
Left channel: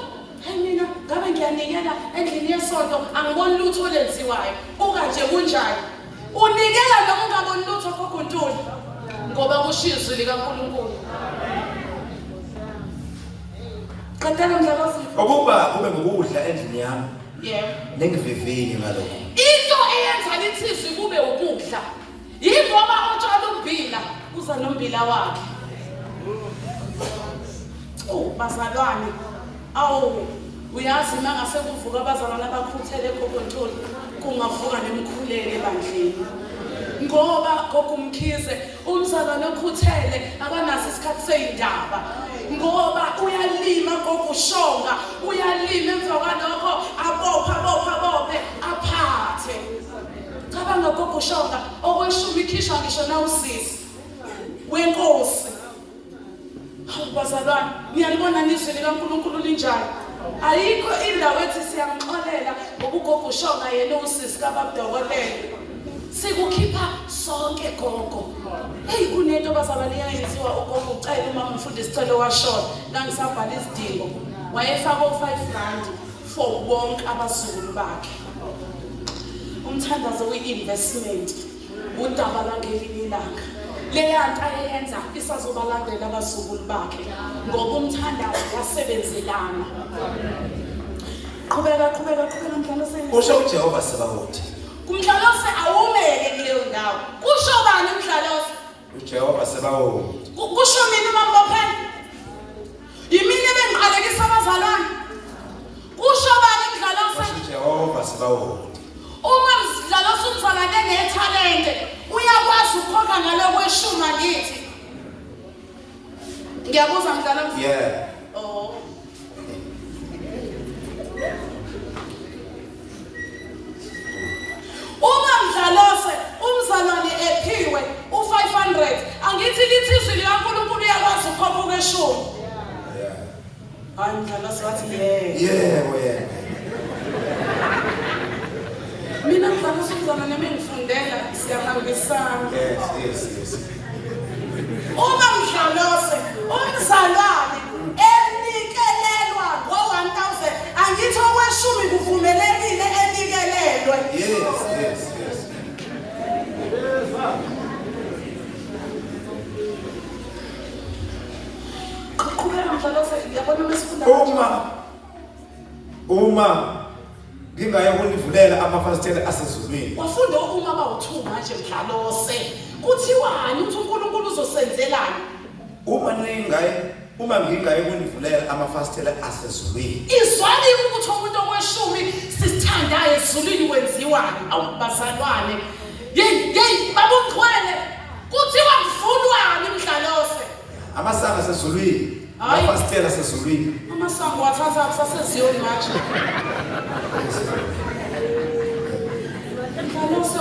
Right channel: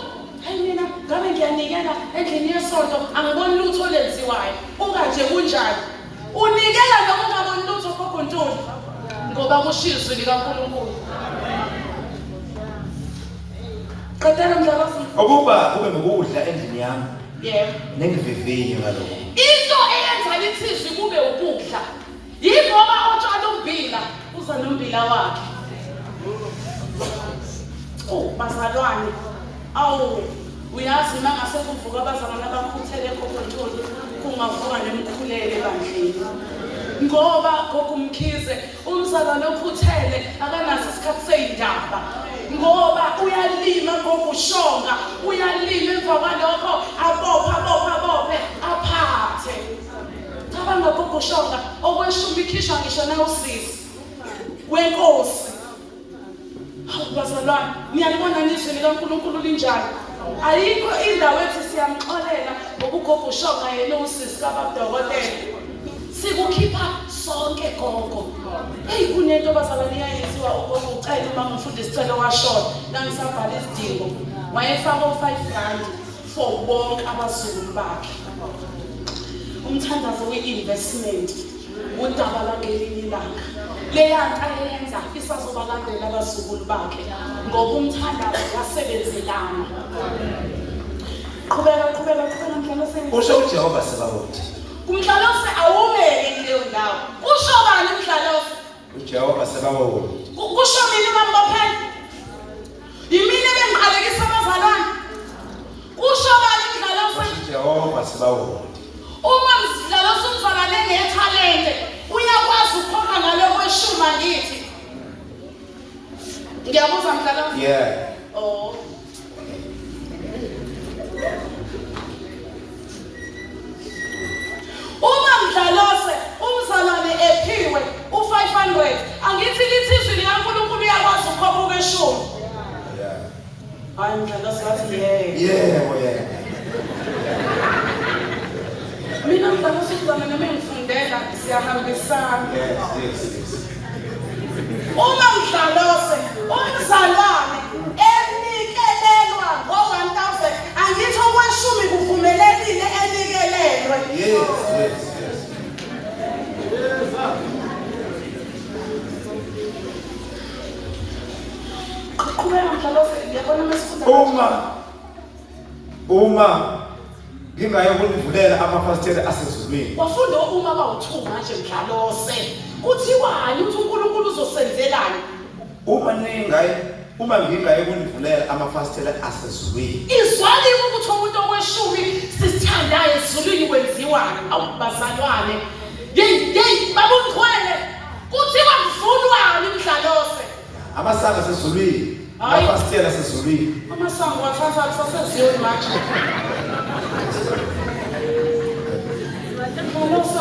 hayi mina ngabe ngiyanikela endlini yesonto angiboni lutho lenziwayo. Ukanje kunjani? Unikela noma ungaboni lutho khokho Ntuli ngoba kushizwe likaNkulunkulu. Qedela Mdlalose. Ukuba kube ngukudla endlini yami. Yebo. Nengiviviye ngalokho. Into eyenza lithizwi kube ukudla. Yingoba otshala umbila uza nombila wakhe. Bazalwane. Uyazi mangase kuvuka abazalwane abakhuthele khokho Ntuli kungavuka nemkhuleko ebandleni. Ngoba gogo Mkhize umzalwane okhuthele akanaso isikhathi seyindaba. Ngoba uyalima ngokushonga, uyalima emva kwalokho abophe aphathe. Cabanga ngokushonga okweshumi ikhishwa ngisho na usisi wenkosi. Bazalwane, niyalibona nizwe likaNkulunkulu linjani? Ayikho indawo ethi siyamxolela ngokugogoshonga yena usisi kababudokotela. Sikukhipha sonke gogo. Hey kunento bazalwane yayenziwa ugogo ucela uma umfundisi isicelo washona la ngisabhala izidingo. Wayefaka u5 rand for wonke abazukulu bakhe. Umthandazo we-investment udaba langelinye ilanga. Leya nto ayenza isazobalandela abazukulu bakhe ngoba umthandazo wasebenzelana. Qhubeka Mdlalose. Usho uJehova Sebawothi. Kumdlalose awumele kuleyo ndawo. Kusho bani Mdlalose? uJehova Sebawothi. Kusho mina mambophela. Yimini bengiqalekisa abazalwane. Kusho bani Mdlalose? uJehova Sebawothi. Uma Mdlalose umzalwane enethalente, uyakwazi ukukhokha ngalokho eshuma ngithi. Ngiyabuza Mdlalose. Yeah. Oh. Uma Mdlalose umzalwane ephiwe u500, angithi lithi izwi likaNkulunkulu uyakwazi ukukhopha okweshumi. Yeah. Hayi mdlalo wathi yebo. Yebo. Mina mdlalo usuzama nemengifundela siyahambisana. Yes. Uma mdlalose umzalwane enikelelwa ngo-1000 angithi okweshumi kuvumelekile enikelelwe. Yes. Qhubeka mdlalose ngiyabona mesifunda. Uma ngingaye ukunivulela amafasitela asezulwini. Wafunda uma bawu2 manje mdlalose. Kuthiwani uthi uNkulunkulu uzosenzelani? Uma ngingaye ukunivulela amafasitela asezulwini. Izwali ukuthi umuntu okweshumi sithandayo ezulwini kwenziwani? Awubazalwane. Hey babongcwele. Kuthiwa kuvulwani mdlalose? Amasango asezulwini. Amafasitela asezulwini. Amasango wathatha kusaseziyoni manje. Mdlalose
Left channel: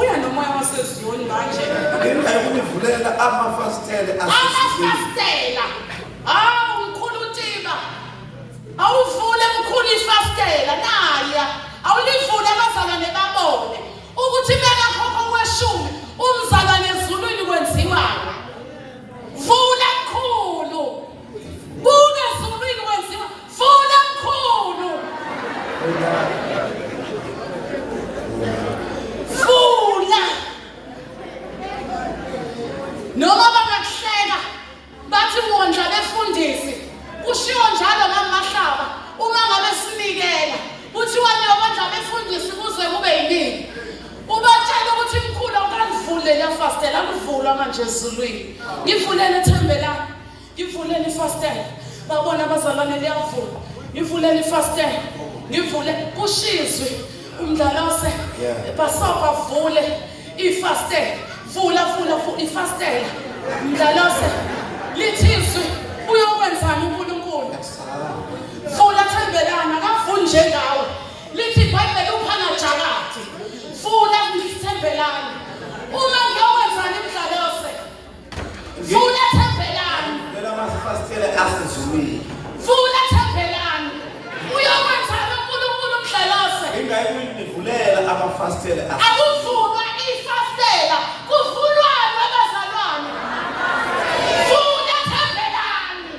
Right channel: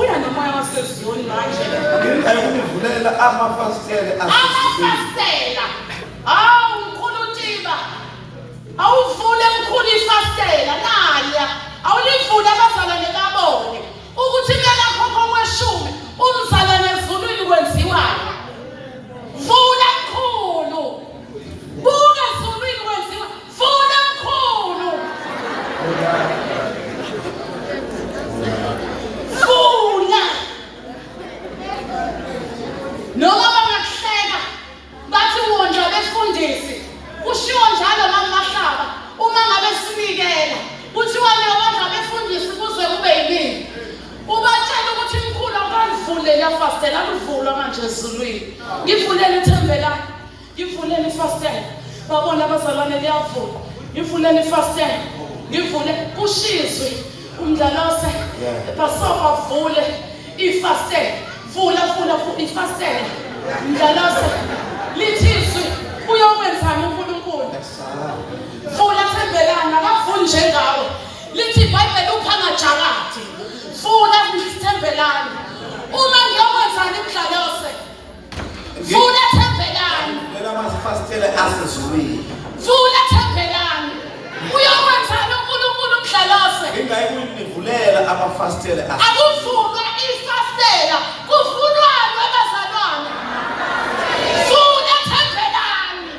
uya nomoya waseziyoni manje. Ngingaye ukunivulela amafasitela asezulwini. Amafasitela. Mkhulu Tiba. Awuvule mkhulu ifasitela naya. Awulivule abazalwane babone ukuthi mela khokho kweshumi umzalwane ezulwini kwenziwani. Vula mkhulu. Buka ezulwini kwenziwa. Vula mkhulu. Vula. Noma bangakuhleka bathi wondla befundisi. Kushiwo njalo namahlaba uma ngabe sinikela. Kuthiwa nabadla befundisi kuze kube yini? Ubatshela ukuthi mkhulu akavule la fastela akuvulwa manje ezulwini. Ngivulele ithembelani. Ngivulele ifastela. Babona abazalwane liyavula. Ngivulele ifastela. Ngivule kushizwe umdlalose. Basoka vule ifastela. Vula ifastela. Mdlalose lithizwe uyokwenzani uNkulunkulu? Vula thembelana akavuli njengawe. Lithi iBhayibheli uphanga jakati. Vula thembelana. Uma ngiyokwenzani mdlalose? Vula thembelana. Lela amafasitela asezulwini. Vula thembelana. Uyokwenzani uNkulunkulu mdlalose? Ngingaye ukunivulela amafasitela asezulwini. Akuvulwa ifastela. Kuvulwani abazalwane. Vula thembelana.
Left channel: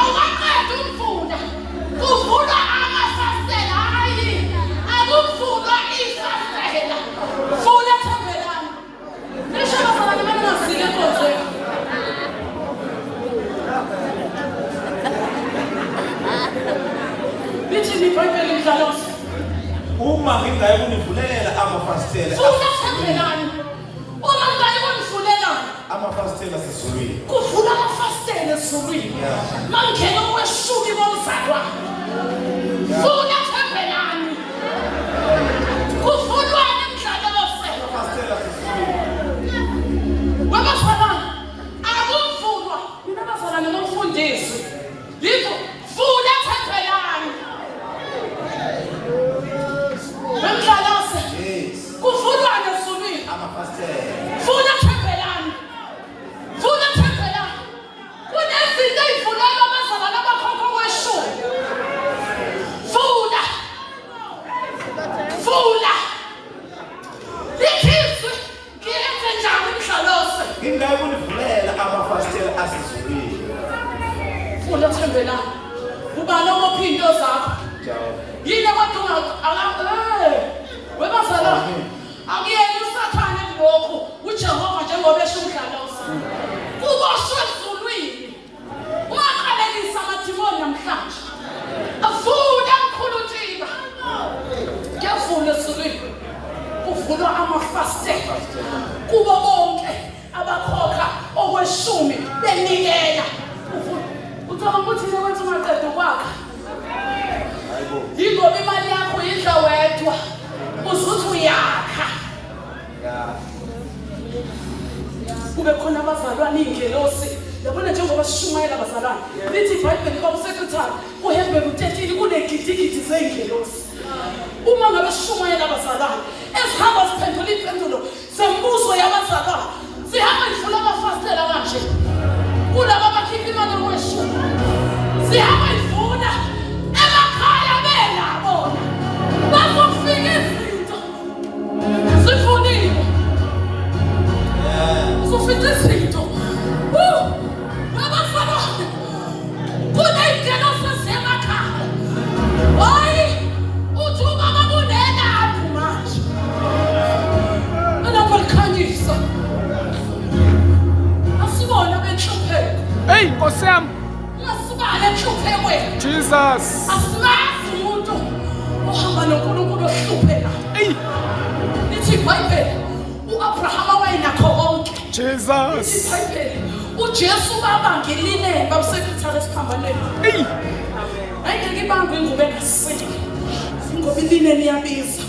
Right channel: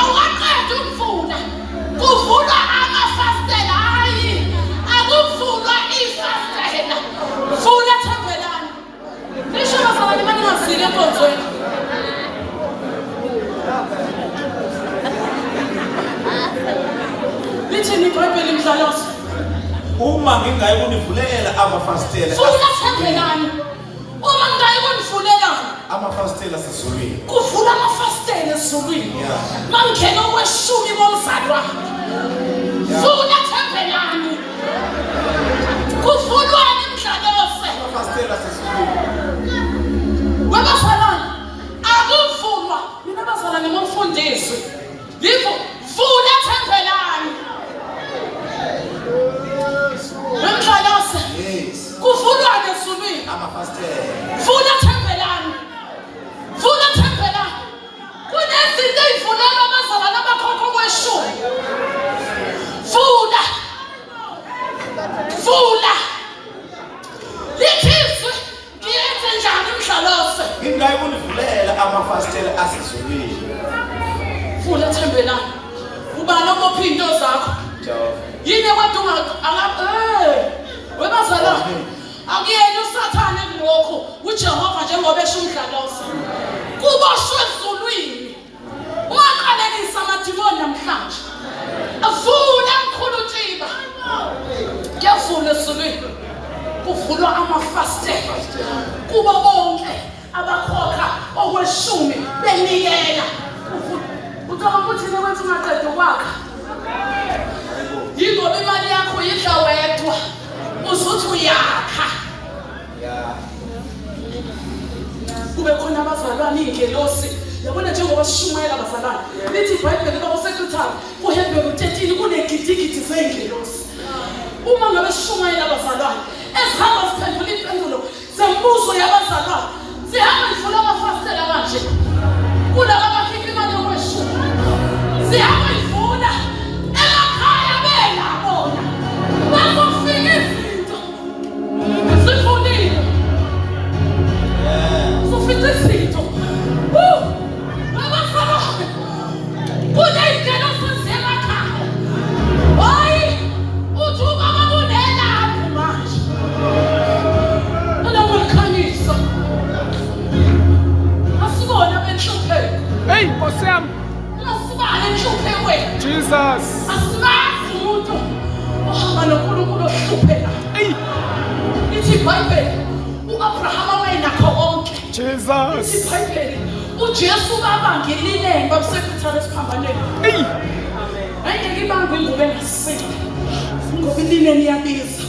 Awaqeda ukuvula. Kuvulwa amafastela. Hayi. Akuvulwa ifastela. Vula thembelana. Lisho abazalwane baningazile enkonzweni. Lithini iBhayibheli mdlalose? Uma ngingaye ukunivulela amafasitela Vula thembelana. Uma ngingaye ukunivulela amafasitela asezulwini. kuvula amafastela ezulwini. Mangena okweshumi bomzalwane. Vula thembelani. Kuvulwani mdlalose? Amafasitela asezulwini. Wabazalwane akuvulwa. Mina abazalwane ngomfundisi. Livo vula thembelani. Wemdlalose Yes. kuvulwani ezulwini. Amafasitela. Vula thembelani. Vula thembelani. Kunezinto ey'vulelwa abazalwane abakhokho kweshumi. Vula. Vula. Lithizwe ngiyenze njani mdlalose? Ngingaye ukunivulela amafasitela asezulwini. Vula thembelani. Ubala ngophi into zakho. Jehova. Yini abantu webazalwane akuyena usathane kulokhu uJehova njengoba esho umdlalose. Kuboshwe ezulwini. Ungaqalekisa amadimoni namhlanje. Avula mkhulu Tiba. Kuyavula ezulwini. Kuvulwa amafastela. Kubo bonke abakhokha okweshumi benikela. Uthola ukuthi nekwenza ungaqeda ukwakha. Yingoba imali yakho yidla wedwa. Uzuthi uyakha. Kube khona abazalwane iy'ngelosi. Yabona njengoba sishumayela abazalwane. Lithi iBhayibheli kabusekretari kuHebheru 13 kunegidigidi zey'ngelosi. Uma ngabe sishumayela abazalwane ezihamba ziphendula impendulo zembuzo yabazalwane. Zihamba zivula amafastela kanje. Kulaba abakhipha imali yokweshumi. sihamba ivuna emakhaya belabona bazofika izinto sifunile sufithe izinto babafana kuney'nkelo sasemakhaya hayi uthi ubaba kunenaphi manje anakulikhanyisa asibona benhlupheko Hey, Nkosi yami. asibale enhluphekweni Jesus. asibazi umuntu ohamba noNkulunkulu ohlupheka Hey, lithi iBhayibheli u-Abrahama wayenakho konke lithi Jesus. iBhayibheli uJesu babanga ilineni babusekithara esiphambanweni Hey, ayike ibanga ingubo engasile ngoba ilineni iyabiza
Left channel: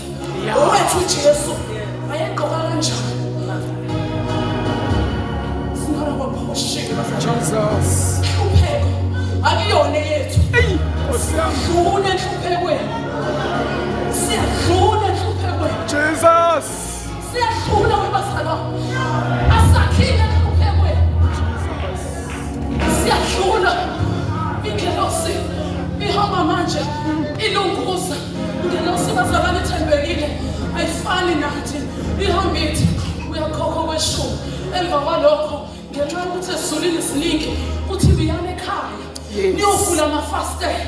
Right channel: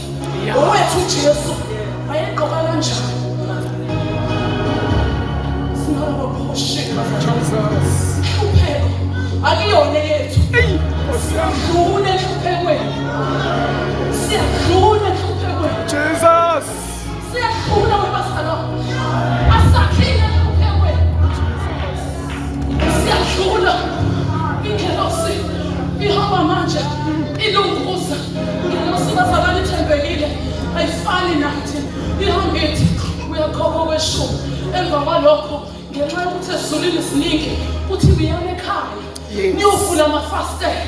owethu uJesu wayegqoka kanjani singabaphoshelwa Jesus. hlupheko akuyona yethu Hey, Nkosi yami. dlula enhluphekweni siyadlula enhluphekweni Jesus. siyadlula kwebazalo asakhile enhluphekweni siyadlula ingelosi ihamba manje ilunguza ingelosi bazalwane ithembekile ayifani nathi ihambithi uyakhokha kweshumi emva kwalokho ngenxa yokuthi esizulwini siningi kuthi uyame ekhaya niyovula amafastela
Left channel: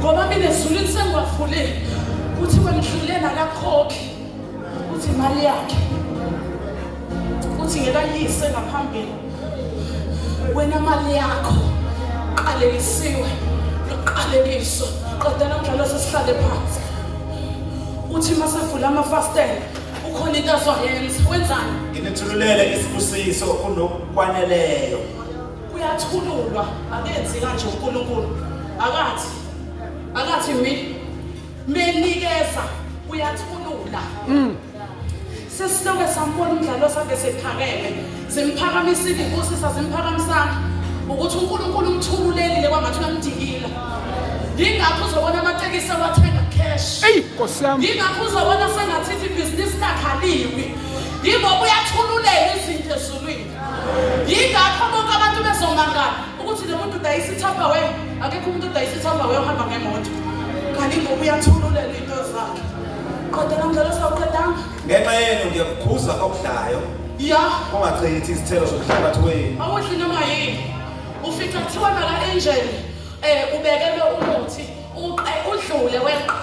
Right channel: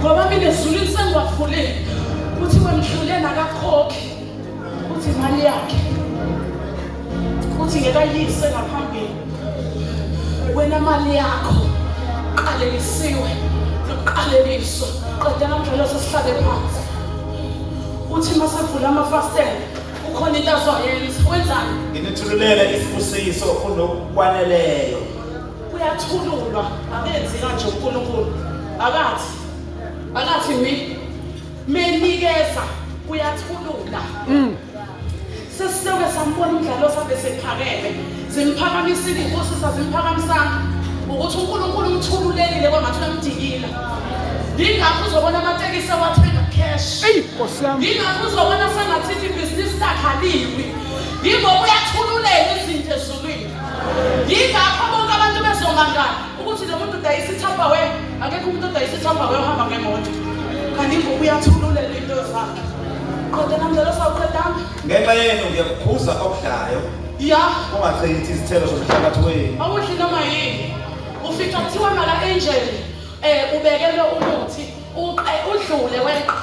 ngoba mina ezulwini sengibavulile kuthi wendlule nakakhokhi uthi imali yakhe uthi ngekayise ngaphambili wena mali yakho qalekisiwe noqalekiso qedela ngaleso sihlale phansi uthi masevula amafastela ukhona into azoyenza wenzani Nginithululele isibusiso kunokwaneleyo. uyathululwa akenzi kanje uNkulunkulu akathi menikeza uyathulula sesiloke sambona umdlalo sakhe sephakeme simphakamisile inkosi sasimphakamisanga ukuthi uNkulunkulu umthululelile kwamathi uyamdikila ingakho uzobona amatekisi awathenga cash Hey, Nkosi yami. ingakho uzobona sengathi ibhizinisi lakhaliwe ingoba uyathululela izinto ezulwini ingakho bonke abantu bezomangala ukuthi lo muntu udayisa ithambawe akekho umuntu udayisa ithambawe uhamba ngemoto kanti ingoba uyathululela into zakhe kodwa namhlanje sawuqedanga Ngenxa yenu ngiyakukhuza okudlayo ya ungachithi izithelo zomphakathi wenu. awudli noma yini ufika kuthiwa mala angel ubekele umuthi udlule weqa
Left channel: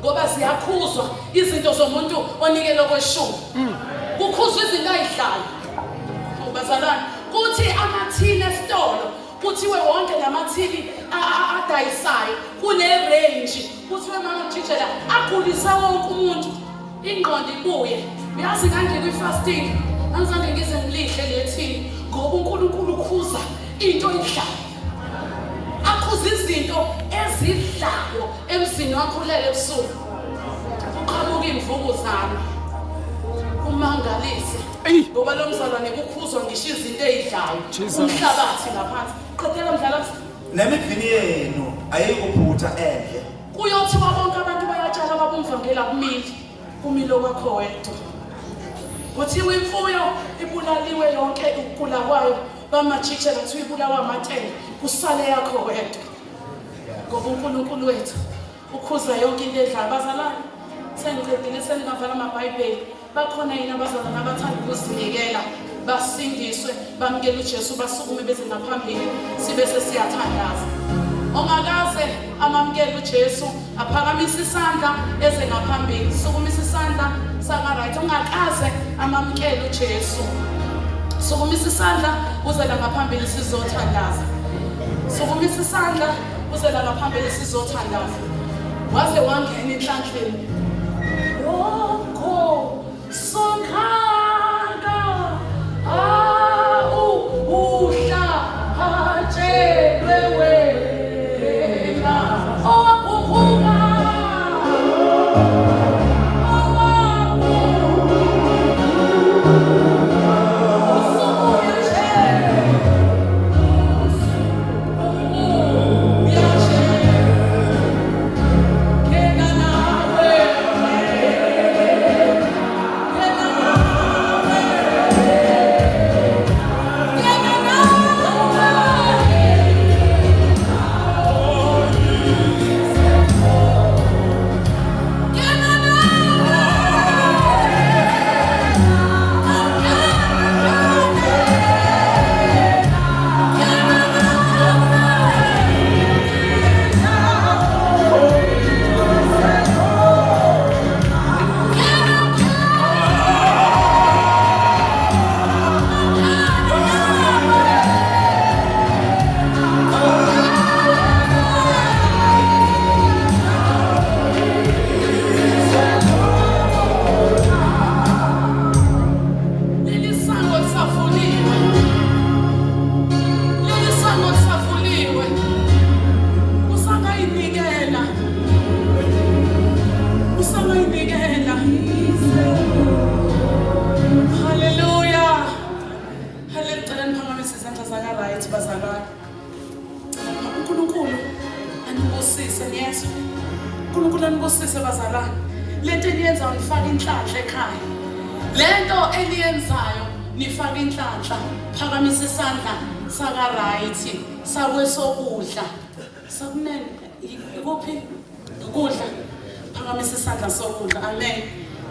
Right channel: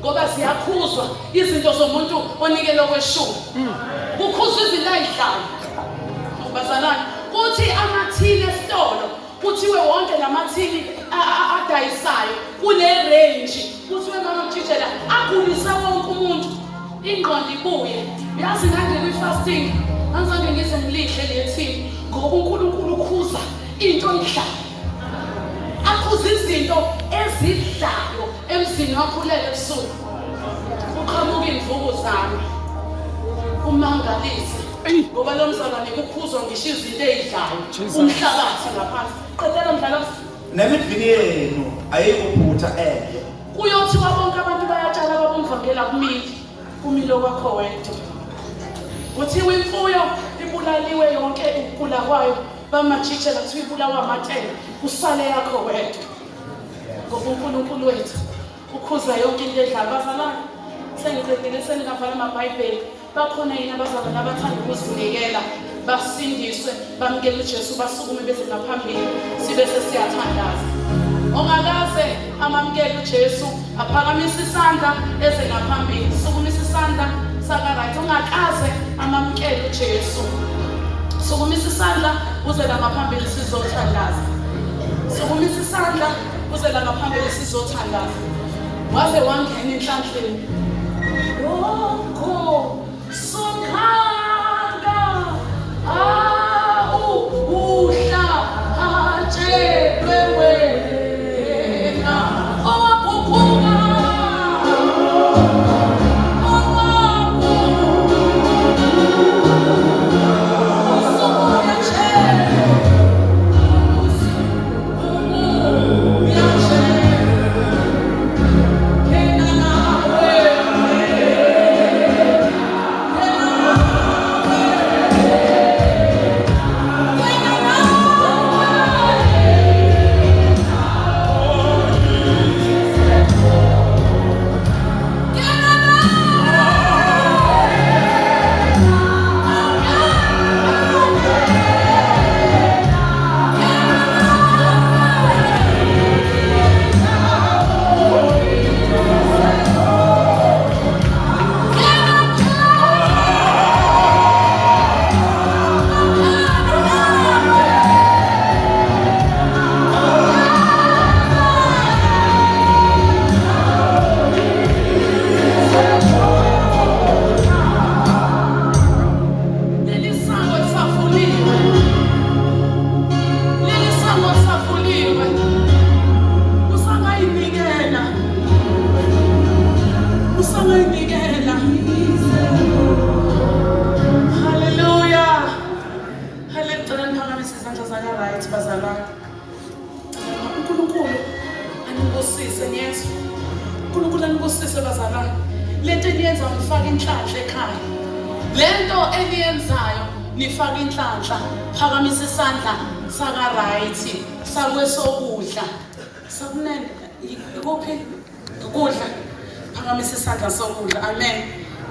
ngoba ziyakhuzwa izinto zomuntu onikele kweshumi kukhuzwa izinto ayidlayo ubazalwane kuthi amathini esitolo kuthiwe wonke lamathini adayisayo kune range kuthiwe mama mjijela agulisa wonke umuntu ingqondo ibuye uyazi ngande kwi-fasting angizange ngize ngilihle lethini ngoba uNkulunkulu ukhuza into idlayo akhuza izinto ezidlayo emzini wakho lele ebusuku uqhamuka imvukuzane umangalise ngoba lo mzalwane kukhuzwa ngisho izinto ezidlayo umhlabathi ngaphansi qedela mdlala Nemibhini yenu ayikuphutha endle. kuyothiwa bonke abantu bayatshala babumvangela kumilo kwakho wedwa kuthiwa imfuyo ibulaliwe yonke ukugula kwayo bamajikela kuthiwa ibulawa amatele kusale yakho wedwa ngoba uNkulunkulu wethu ukhuza yonke into edlayo bazalwane sengiqedile sengingavala amaBhayibheli bakhona yini abazalwane abathanda ukuzinikela basindiswe bamukele uJesu basukume beze ngaphambili sibe sesiyathandaza ongakaze amamukele uJesu aphakamise isandla eze ngaphambili sukumisa isandla saka-right ongakaze amamukele uJesu sukumisa isandla uze la ngaphambili sizothandaza sukumisa isandla uze la ngaphambili sizothandaza waze wangena enhlanhleni lokho sokhanga uhla atshelwe wena owakhuphuka bazalwane, lento eniyenzayo nifaka inhlanhla ekhaya. Lento eniyenzayo nifaka inhlanhla. Phakamisa isandla saka right sakwesokudla. Sakunene ikuphi? Ukudla. Phakamisa isandla sokudla. Amen.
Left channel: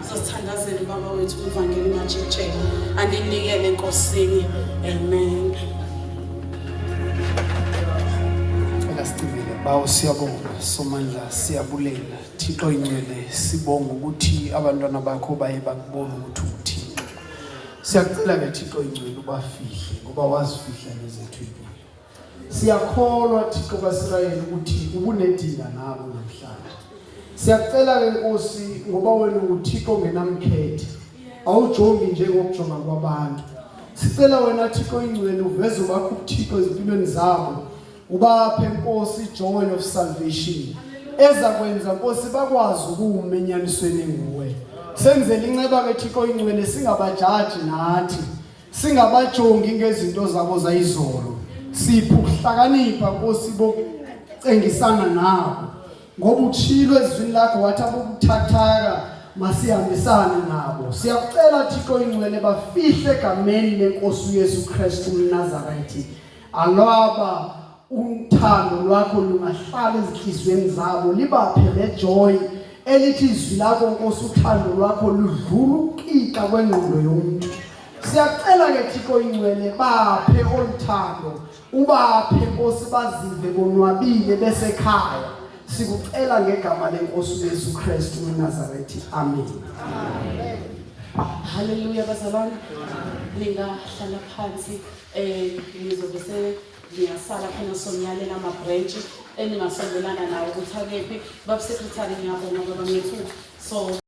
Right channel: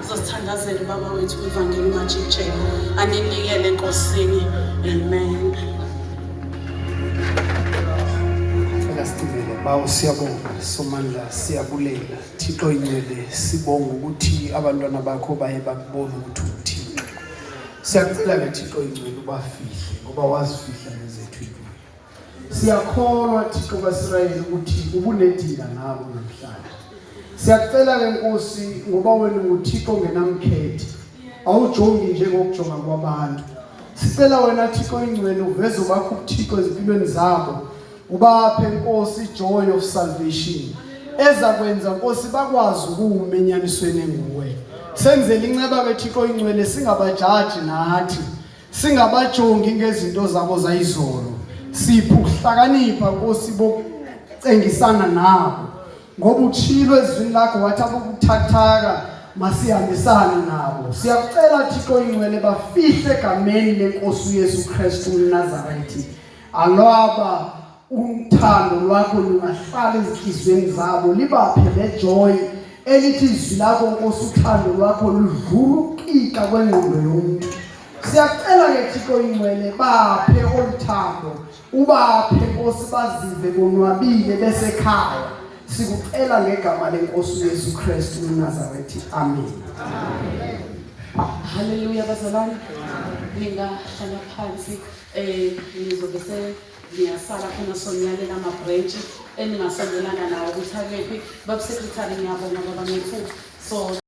Sizothandazela baba wethu ivangeli majijela. Aninikele enkosini. Amen. Bawo siyabonga somandla siyabulela Thixo ingcwele sibonga ukuthi abantwana bakho baye bakubona ukuthi uthini. Siyacela ke Thixo ingcwele ubafihle ngoba wazifihla nezethu impilo. Siyakholwa Thixo kaIsrayeli ukuthi ubunedinga nabo namhlanje. Siyacela ke Nkosi ngoba wena uThixo ngenamkhethe. Awujongi njengokujonga kwabantu. Sicela wena Thixo ingcwele uveze ubakho uThixo ezimpilweni zabo. Ubaphe Nkosi joy of salvation ezakwenza Nkosi bakwazi ukumenyanisweni nguwe. Senzele inceba ke Thixo ingcwele singabajaji nathi, singabajongi ngezinto zabo zayizolo. Sipho ukuhlakanipha Nkosi bokucengisana nabo ngoba utshilo ezwini lakho wathi abokuthathaka masihambisane nabo. Siyakucela Thixo ingcwele bafihle egameni lenkosi uYesu Kristu uNazaretha. Alaba uthando lwakho lungahlala ezinhlizweni zabo, libaphe lejoy elithi izwi lakho Nkosi uthando lwakho ludlula ukika kwengqondo yomuntu. Siyacela ke Thixo ingcwele baphe oluthando, ubaphe Nkosi bazive bonwabile besekhaya. Sikucela ngegama lenkosi uYesu Kristu uNazaretha. Amen. Hallelujah bazalwane. Ningahlala phansi nizobe ngiyasala khona sonyalela ama-branch eningasondelana nawo ukuthi akephi. Babu secretary ngiyabonga baba ngethu. So